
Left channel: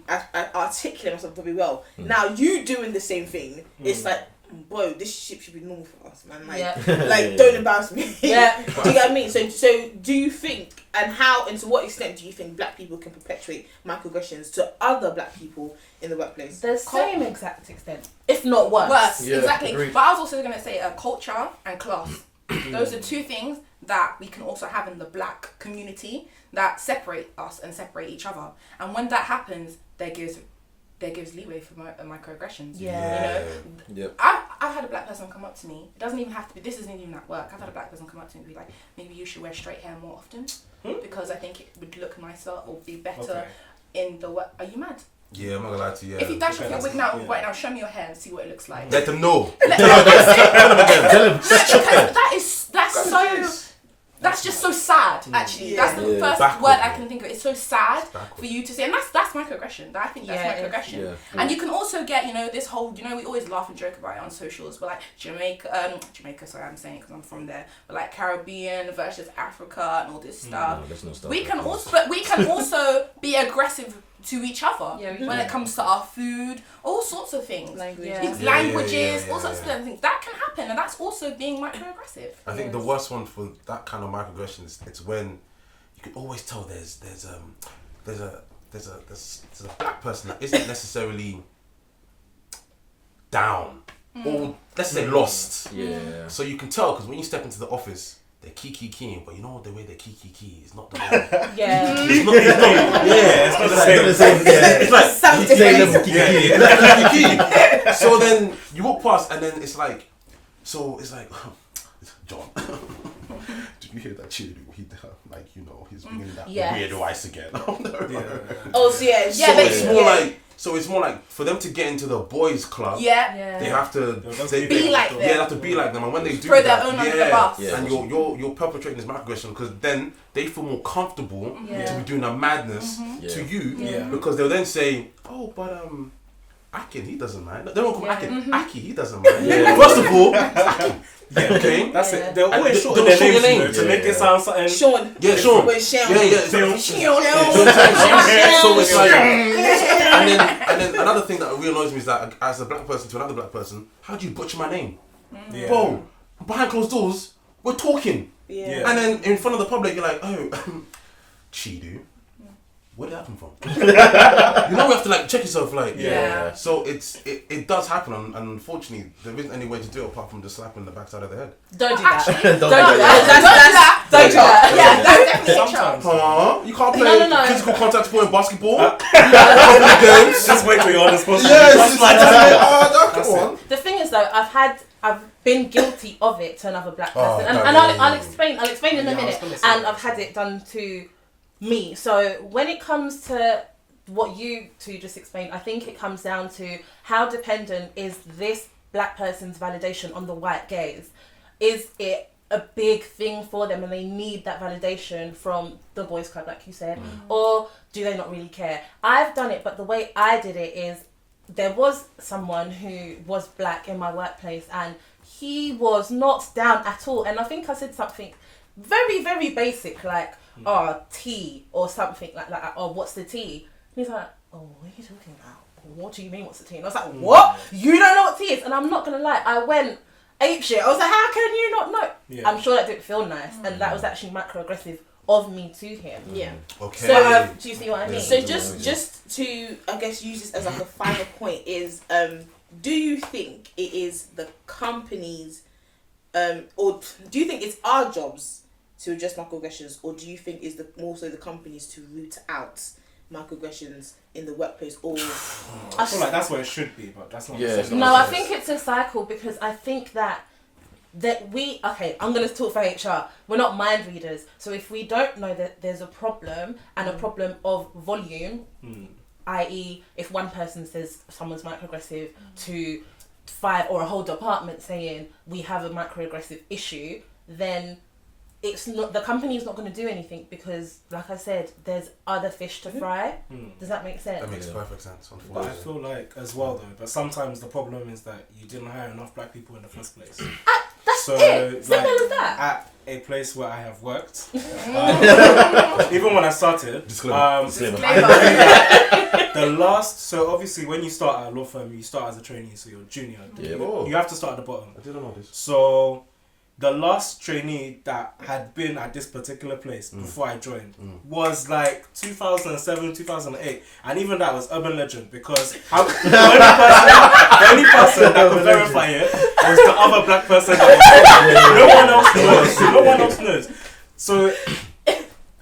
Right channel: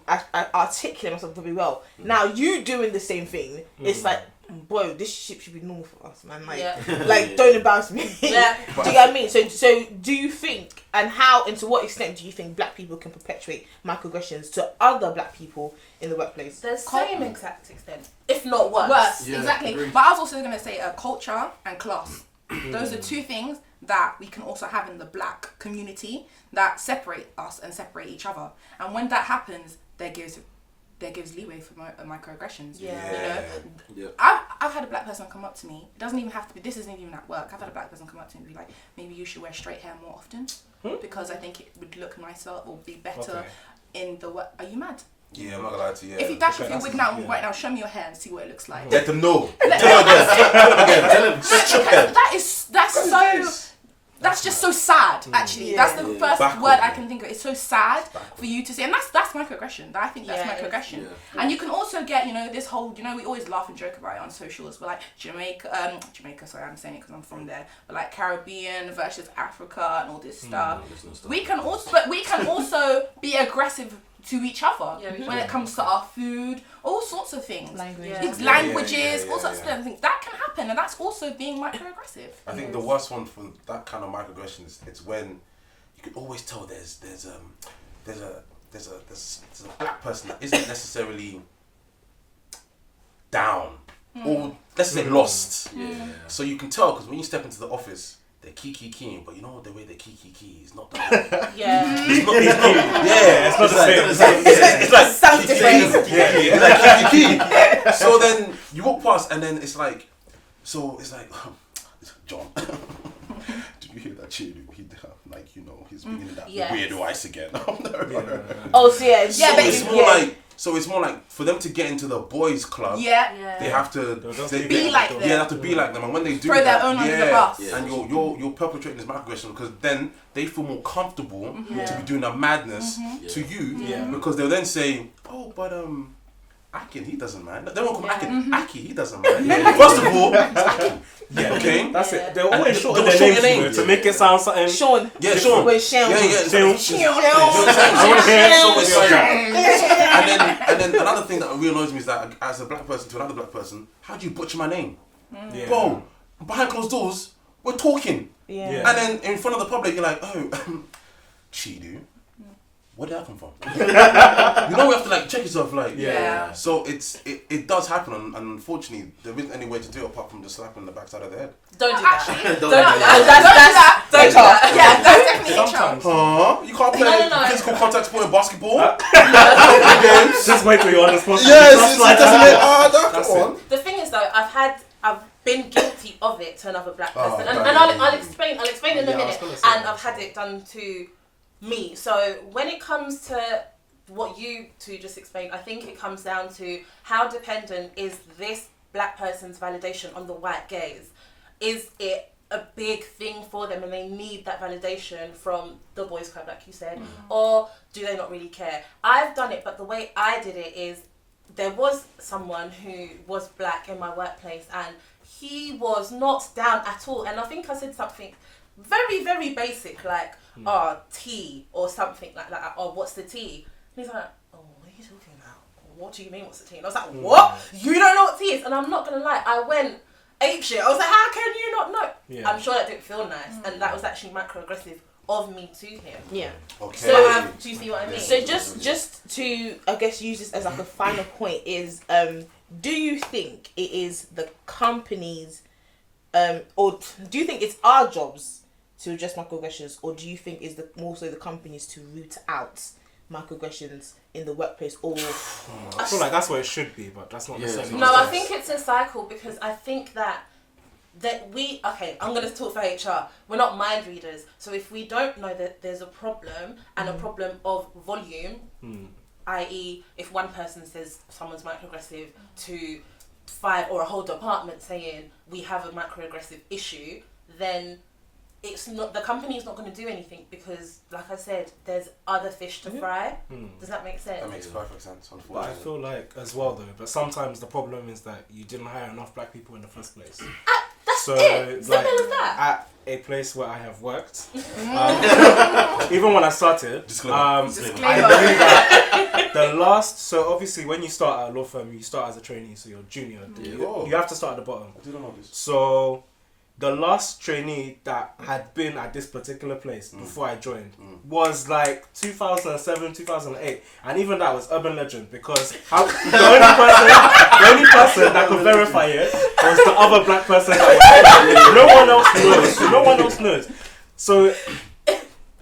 articulate myself very well," now you doing the same thing, it's like bro, this shit should be normal for us, man. Like, Yeah. like don't embarrass me. Yeah. Do you get what I mean? So do you think, and how, and to what extent do you think black people can perpetuate microaggressions to other black people in the workplace? The same exact extent, if not worse. Worse, Yeah, exactly. agreed. But I was also going to say culture and class. Those are two things that we can also have in the black community that separate us and separate each other. And when that happens, there gives leeway for microaggressions. Yeah. You know, Yep. I've had a black person come up to me. It doesn't even have to be. This isn't even at work. I've had a black person come up to me and be like, maybe you should wear straight hair more often because I think it would look nicer or be better in the work. Are you mad? Yeah, I'm not gonna lie to you. If you dash off Okay, your wig that's- now, right now, show me your hair and see what it looks like. Let them know. That's just so sad, actually. That's the first Backward. word I can think of. It's so sad for you to say, and that's microaggression. I think that's microaggression. Yeah. And you can also get, this whole, we always laugh and joke about it on socials, but like Jamaica, sorry, I'm saying it because I'm from there, but like Caribbean versus Africa and all this stuff. No, let's not start We with can that. also, but we can also be aggressive to each other when it comes to our food, all sorts of things. Languages. Languages, Yeah, all sorts of things. That can happen, and that's also being microaggressive. I think the worst one for that kind of microaggression is it's when you can always tell there's a black person that isn't necessarily down or let's say lost. Yeah. So you can tell because when you step into the office, they're keying, but you know the way they key is not the way. Yeah. It's not. Yeah, It's not the same. It's like Sounds different. it's like key. So then you walk past, and then it's like, John. Did you hear that Chiedu? He's bringing in that weird ice again. Oh, so yeah, Yeah, but It's more like for them to get into the boys' club. Yeah. They have to Be like them. Yeah, they have to be like them, and when they do Throw that, their own under the bus. Yeah. and you're perpetrating this microaggression because then they feel more comfortable to be doing a madness to you because they'll then say, oh, but Akin, he doesn't mind. They won't call Akin. Aki, he doesn't mind. First of all, it's Akin. Yeah. Okay. That's it. They're always short they'll their short your names, name. to make it sound something. Sean. Yeah, Sean. With Sean. Yeah. So it's like, and then another thing that really annoys me is that as a black person to another black person, how do you butcher my name? Yeah. Bro, behind closed doors, we're talking. Yeah. And then in front of the public, you're like, oh, Chiedu, where did that come from? You know, we have to like check yourself, like. Yeah. So it does happen, and unfortunately, there isn't any way to do it apart from just slapping the backside of the head. Don't do that. Actually, Don't do that. Don't do that. yeah, that's definitely a Sometimes. Huh? You can't play No. physical contact sport in basketball? Games? Just wait till you're on the spot. Yes, That's come on. The thing is though, I've been guilty of it to another black Oh, person, God, and yeah. I'll explain in a Yeah, I was minute. gonna say And that. I've had it done to me. So when it comes to what you two just explained, I think it comes down to how dependent is this black person's validation on the white gaze. Is it a big thing for them and they need that validation from the boys club, like you said, or do they not really care? I've done it, but the way I did it is there was someone who was black in my workplace and he was not down at all, and I think I said something very, very basic like tea or something like that, or what's the tea? And he's like, oh, what are you talking about? What do you mean what's the tea? And I was like, what? You don't know what tea is? And I'm not gonna lie, I went apeshit. I was like, how can you not know? Yeah. I'm sure that didn't feel nice, and that was actually microaggressive of me to him. Yeah. Okay. So do you see what I mean? So just to, I guess, use this as like a final point is, do you think it is the companies, or do you think it's our jobs to address microaggressions, or do you think it's more so the companies to root out microaggressions in the workplace, or I feel like that's what it should be, but that's not necessarily. No, I think it's a cycle because I think that I'm going to talk for HR. We're not mind readers. So if we don't know that there's a problem and a problem of volume, i.e. if one person says someone's microaggressive to 5 or a whole department saying we have a microaggressive issue, then it's not, the company's not going to do anything because, like I said, there's other fish to fry. Does that make sense? That makes perfect sense, But I unfortunately. feel like as well though, but sometimes the problem is that you didn't hire enough black people in the first place. That's So Simple as that. at a place where I have worked, even when I started, Disclaimer. the last, so obviously when you start at a law firm, you start as a trainee, so you're junior. Yeah. You have to start at the bottom. I didn't know this. So the last trainee that had been at this particular place before I joined was like 2007, 2008. And even that was urban legend because the only person that could verify it was the other black person that was there. No one else knows. So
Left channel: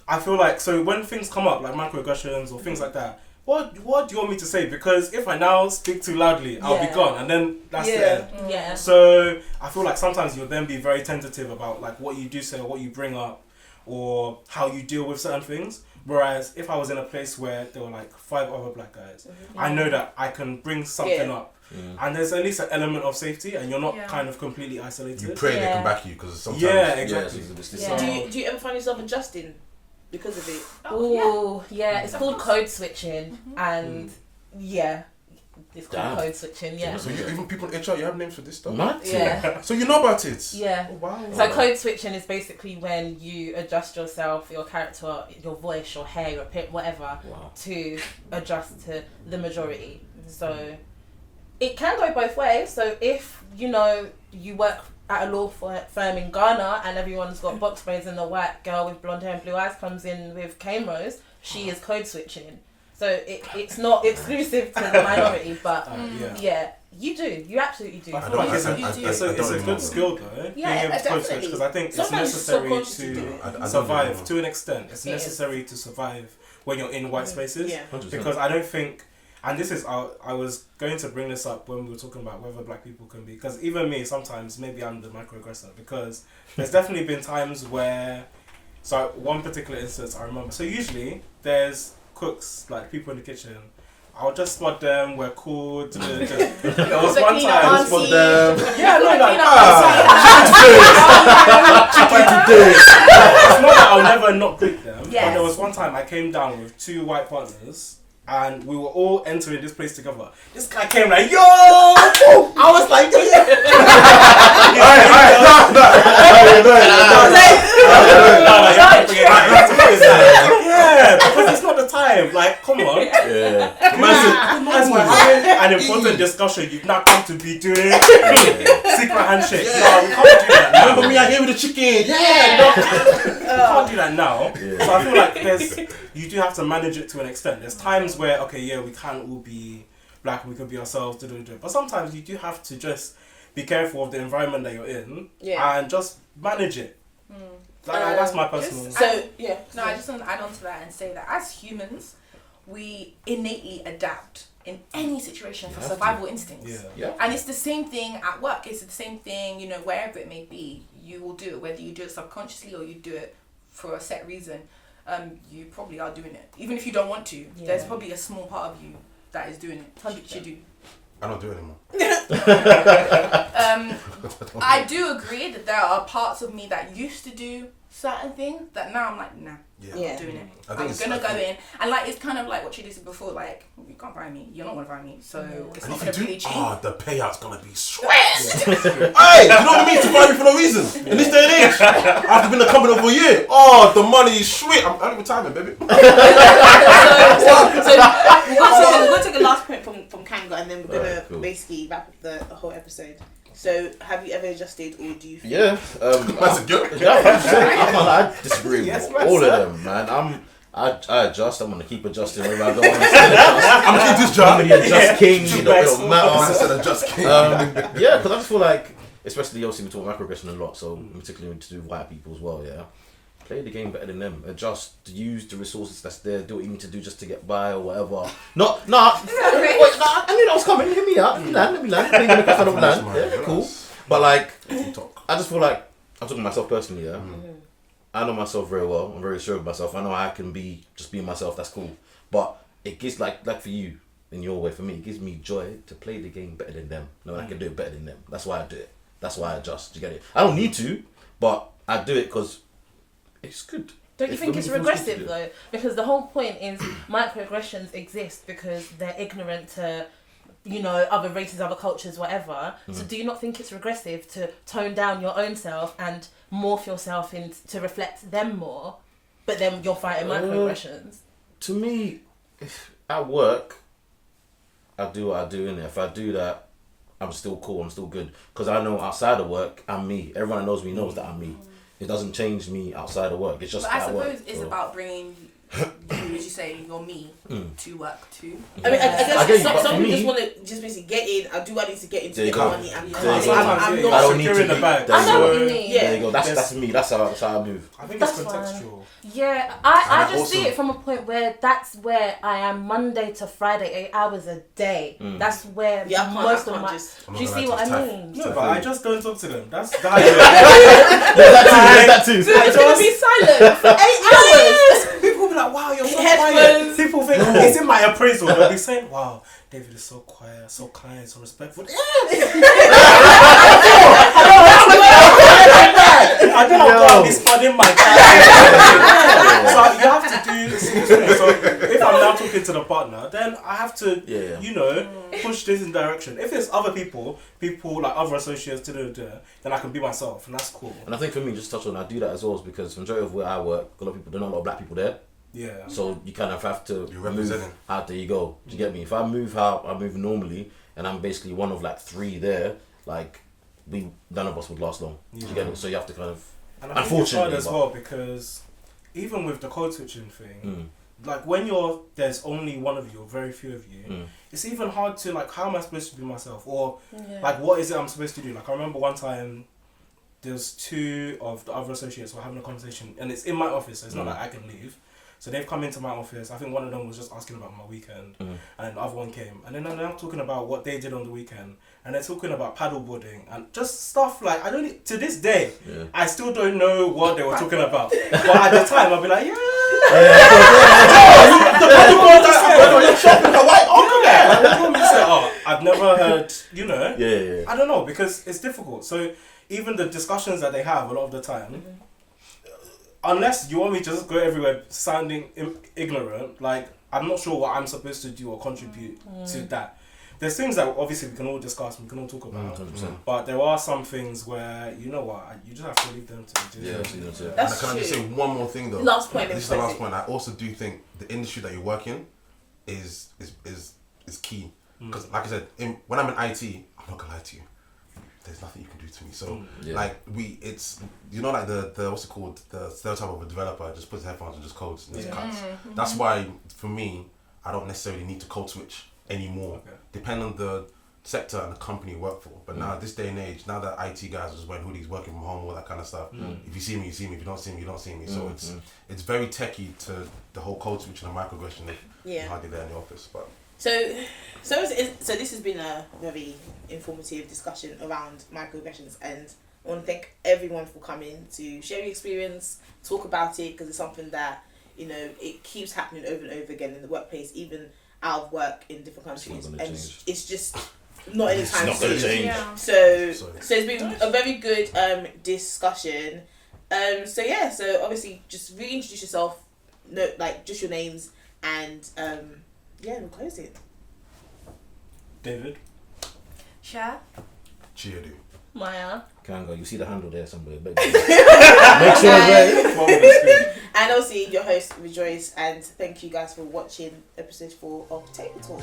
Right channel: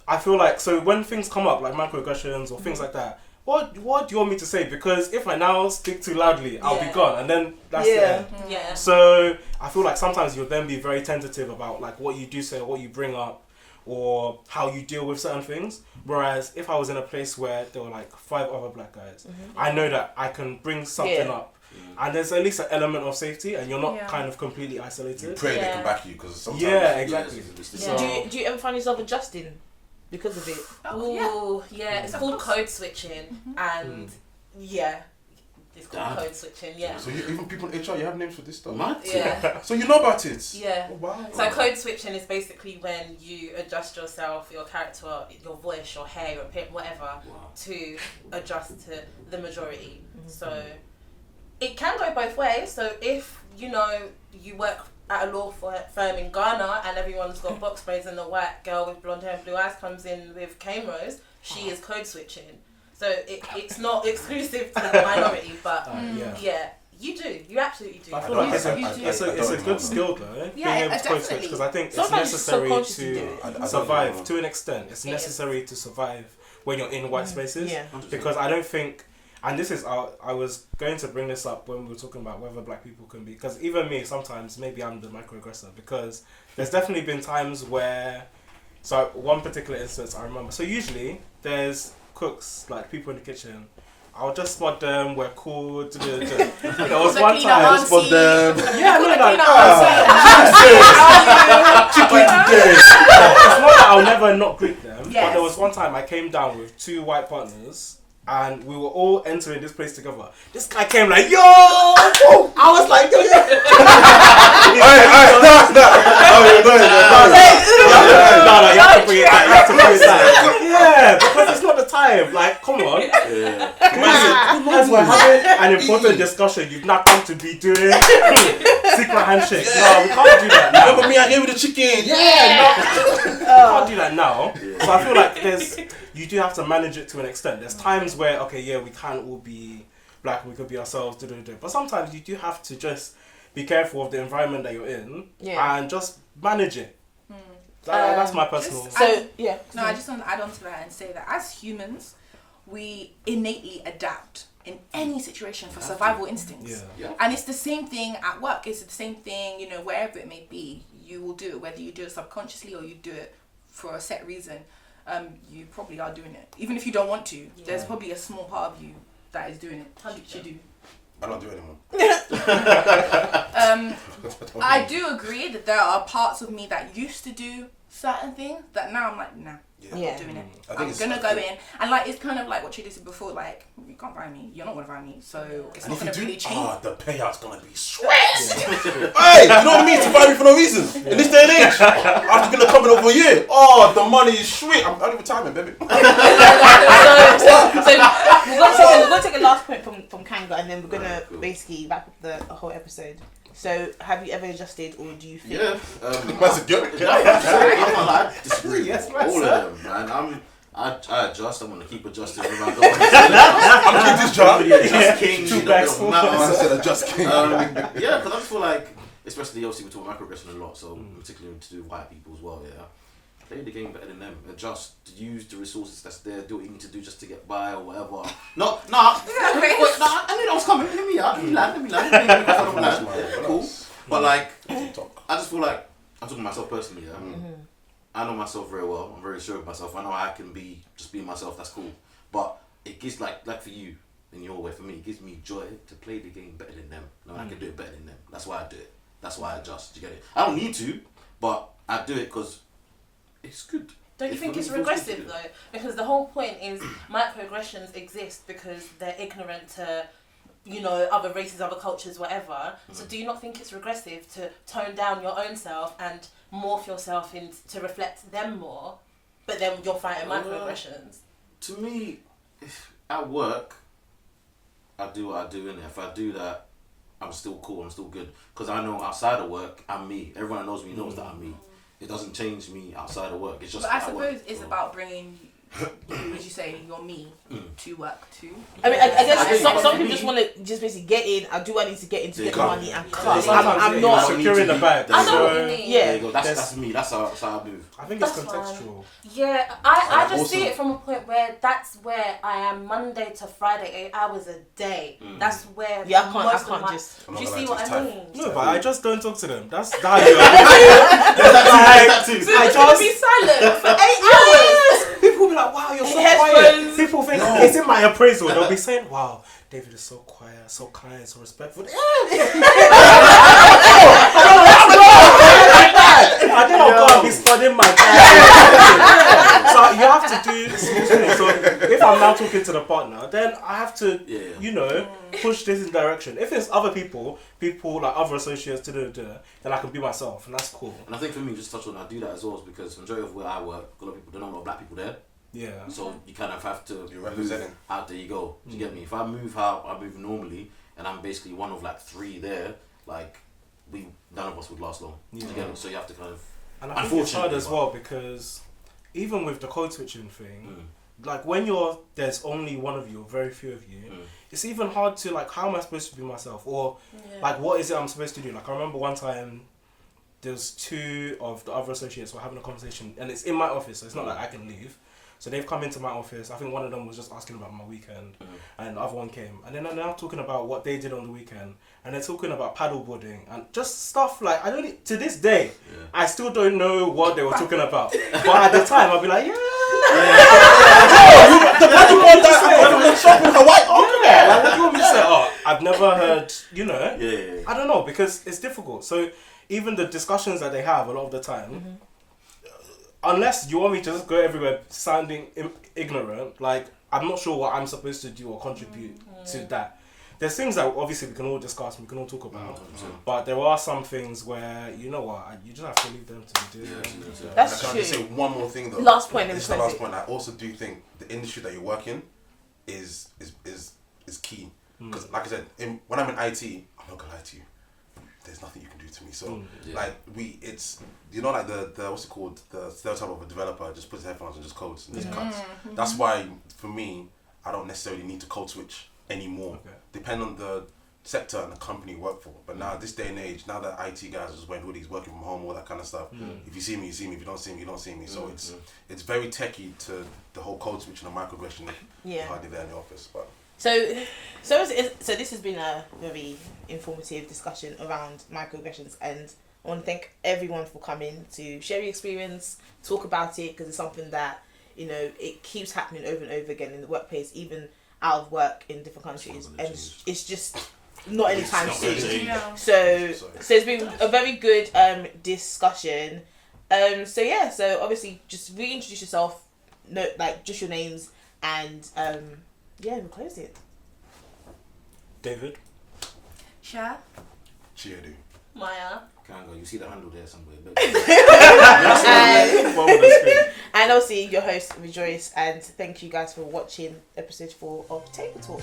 I feel like, so when things come up like microaggressions or things like that, what do you want me to say? Because if I now speak too loudly, I'll be gone, and then that's the end. Yeah. So I feel like sometimes you'll then be very tentative about like what you do say or what you bring up or how you deal with certain things. Whereas if I was in a place where there were like 5 other black guys, I know that I can bring something up. And there's at least an element of safety, and you're not kind of completely isolated. You pray they can back you because sometimes. Yeah, exactly. Yeah. Do you ever find yourself adjusting because of it? Oh, yeah. It's called code switching, and it's called code switching. Yeah. So even people in HR, you have names for this stuff. What? Yeah. So you know about it. Yeah. Oh, wow. So code switching is basically when you adjust yourself, your character, your voice, your hair, your pip, whatever, to adjust to the majority. So it can go both ways. So if you work at a law firm in Ghana and everyone's got box braids and the white girl with blonde hair and blue eyes comes in with cane rows, she is code switching. So it's not exclusive to the minority, but you absolutely do. I feel like it's a good skill though, being able to code switch, because I think it's necessary to survive to an extent. It's necessary to survive when you're in white spaces, because I don't think. And this is, I was going to bring this up when we were talking about whether black people can be, because even me, sometimes, maybe I'm the microaggressor, because there's definitely been times where, so one particular instance I remember, so usually there's cooks, like people in the kitchen, I'll just spot them, we're cool, there was one time, Spot them. yeah, no, it's not that I'll never not greet them, but there was one time I came down with 2 white partners, and we were all entering this place together. This guy came like, yo! I was like, yo! Yeah, because it's not the time. Like, come on. Yeah. As we're having an important discussion, you've not come to be doing secret handshake. No, we can't do that now. Remember me out here with the chicken? You can't do that now. So I feel like you do have to manage it to an extent. There's times where, we can't all be black, we could be ourselves, but sometimes you do have to just be careful of the environment that you're in and just manage it. That's my personal... I just want to add on to that and say that as humans, we innately adapt in any situation for survival instincts. And it's the same thing at work, it's the same thing, wherever it may be, you will do it, whether you do it subconsciously or you do it for a set reason. You probably are doing it. Even if you don't want to, there's probably a small part of you that is doing it. Chiedu. I don't do it anymore. I do agree that there are parts of me that used to do certain things that now I'm like, nah, I'm not doing it. I'm gonna go in, and like it's kind of like what Chiedu said before, like you can't buy me, you're not gonna buy me, so it's not gonna be cheap. The payout's gonna be sweet. Hey, you know what it means to buy me for no reason in this day and age? After being a company for a year, the money is sweet. I'm out of retirement, baby. So we're going to take a last point from Kanga, and then we're going to basically wrap up the whole episode. So, have you ever adjusted, or do you think... Yeah. That's a good... I disagree with all of them, man. I adjust. I'm gonna keep adjusting. I'm keep this job. Adjust king. I said adjust king. Yeah, because I just feel like, especially obviously we talk microaggression a lot, so particularly to do white people as well. Yeah, play the game better than them. Adjust. Use the resources that's there. Do what you need to do just to get by or whatever. I knew that was coming. Hear me out. Let me land. Yeah, cool. But like, I just feel like I'm talking to myself personally. Yeah. I know myself very well. I'm very sure of myself. I know I can be just being myself. That's cool. But it gives like for you in your way. For me, it gives me joy to play the game better than them. No, I can do it better than them. That's why I do it. That's why I adjust. You get it? I don't need to, but I do it because it's good. Don't you think it's regressive though? Because the whole point is microaggressions exist because they're ignorant to you know, other races, other cultures, whatever. So do you not think it's regressive to tone down your own self and morph yourself to reflect them more, but then you're fighting microaggressions? To me, if at work, I do what I do, and if I do that, I'm still cool, I'm still good. Because I know outside of work, I'm me. Everyone that knows me knows that I'm me. It doesn't change me outside of work. It's just But I at work. suppose it's about bringing you, as you say, your me to work too. I mean, I guess but some for people me- just want to just basically get in. I do what I need to get in to There you get go. money and Yeah, cut. yeah, I'm I not. don't need secure in to the be- bag. I know what So you mean. Yeah. There you go. That's me. That's how I move. I think it's That's fine. contextual. Yeah, I And just see also- it from a point where that's where I am Monday to Friday, 8 hours a day. That's where Yeah, I most can't of my... just. I'm Do not you gonna see lie what to you, I it's mean? No, but I just don't talk to them. That's that. That too. I just be silent for 8 hours. People will be like, wow, you're so Headphones. quiet. People think it's in my appraisal. They'll be saying, wow, David is so quiet, so kind, so respectful. I don't know God be studying my time. So you have to do something. So if I'm now talking to the partner, then I have to, you know, push this in direction. If it's other people like other associates, then I can be myself, and that's cool. And I think for me, just touch on, I do that as well, is because the majority of where I work, a lot of people, there are not a lot of black people there. Yeah. So you kind of have to You're move representing. out. There you go. Do you get me? If I move how I move normally, and I'm basically one of like 3 there, like none of us would last long. Do you get me? So you have to kind of. And I think it's hard as well because even with the code switching thing, like when there's only one of you or very few of you, it's even hard to like, how am I supposed to be myself? Or like, what is it I'm supposed to do? Like I remember one time there's 2 of the other associates were having a conversation, and it's in my office, so it's not like I can leave. So they've come into my office. I think one of them was just asking about my weekend, and the other one came. And then I'm talking about what they did on the weekend, and they're talking about paddleboarding and just stuff like, I don't, to this day, I still don't know what they were talking about. But at the time, I'll be like, I've never heard, you know. I don't know, because it's difficult. So even the discussions that they have a lot of the time, unless you want me to just go everywhere sounding ignorant, like I'm not sure what I'm supposed to do or contribute to that. There's things that obviously we can all discuss and we can all talk about, 100%. but there are some things where, you know what, you just have to leave them to do it. That's Can I just say one more thing though? Last point. This is the last point. I also do think the industry that you work in is key. Because like I said, when I'm in IT, I'm not gonna lie to you. There's nothing you can do to me. So like it's you know, like the what's it called, the stereotype of a developer just puts headphones and just codes and just cuts. That's why for me, I don't necessarily need to code switch anymore. Depend on the sector and the company you work for. But now this day and age, now that IT guys are just wearing hoodies, working from home, all that kind of stuff. If you see me, you see me. If you don't see me, you don't see me. So it's very techie to the whole code switch and the microaggression of hardly there in the office. But So this has been a very informative discussion around microaggressions, and I want to thank everyone for coming to share your experience, talk about it, because it's something that, you know, it keeps happening over and over again in the workplace, even out of work in different countries, and it's just not anytime soon. So it's been a very good discussion. So obviously just reintroduce yourself, like just your names, and we'll close it. David? Sher? Chiedu. Maya? Kanga, you see the handle there somewhere. And obviously your host, Rejoice, and thank you guys for watching episode 4 of Table Talk.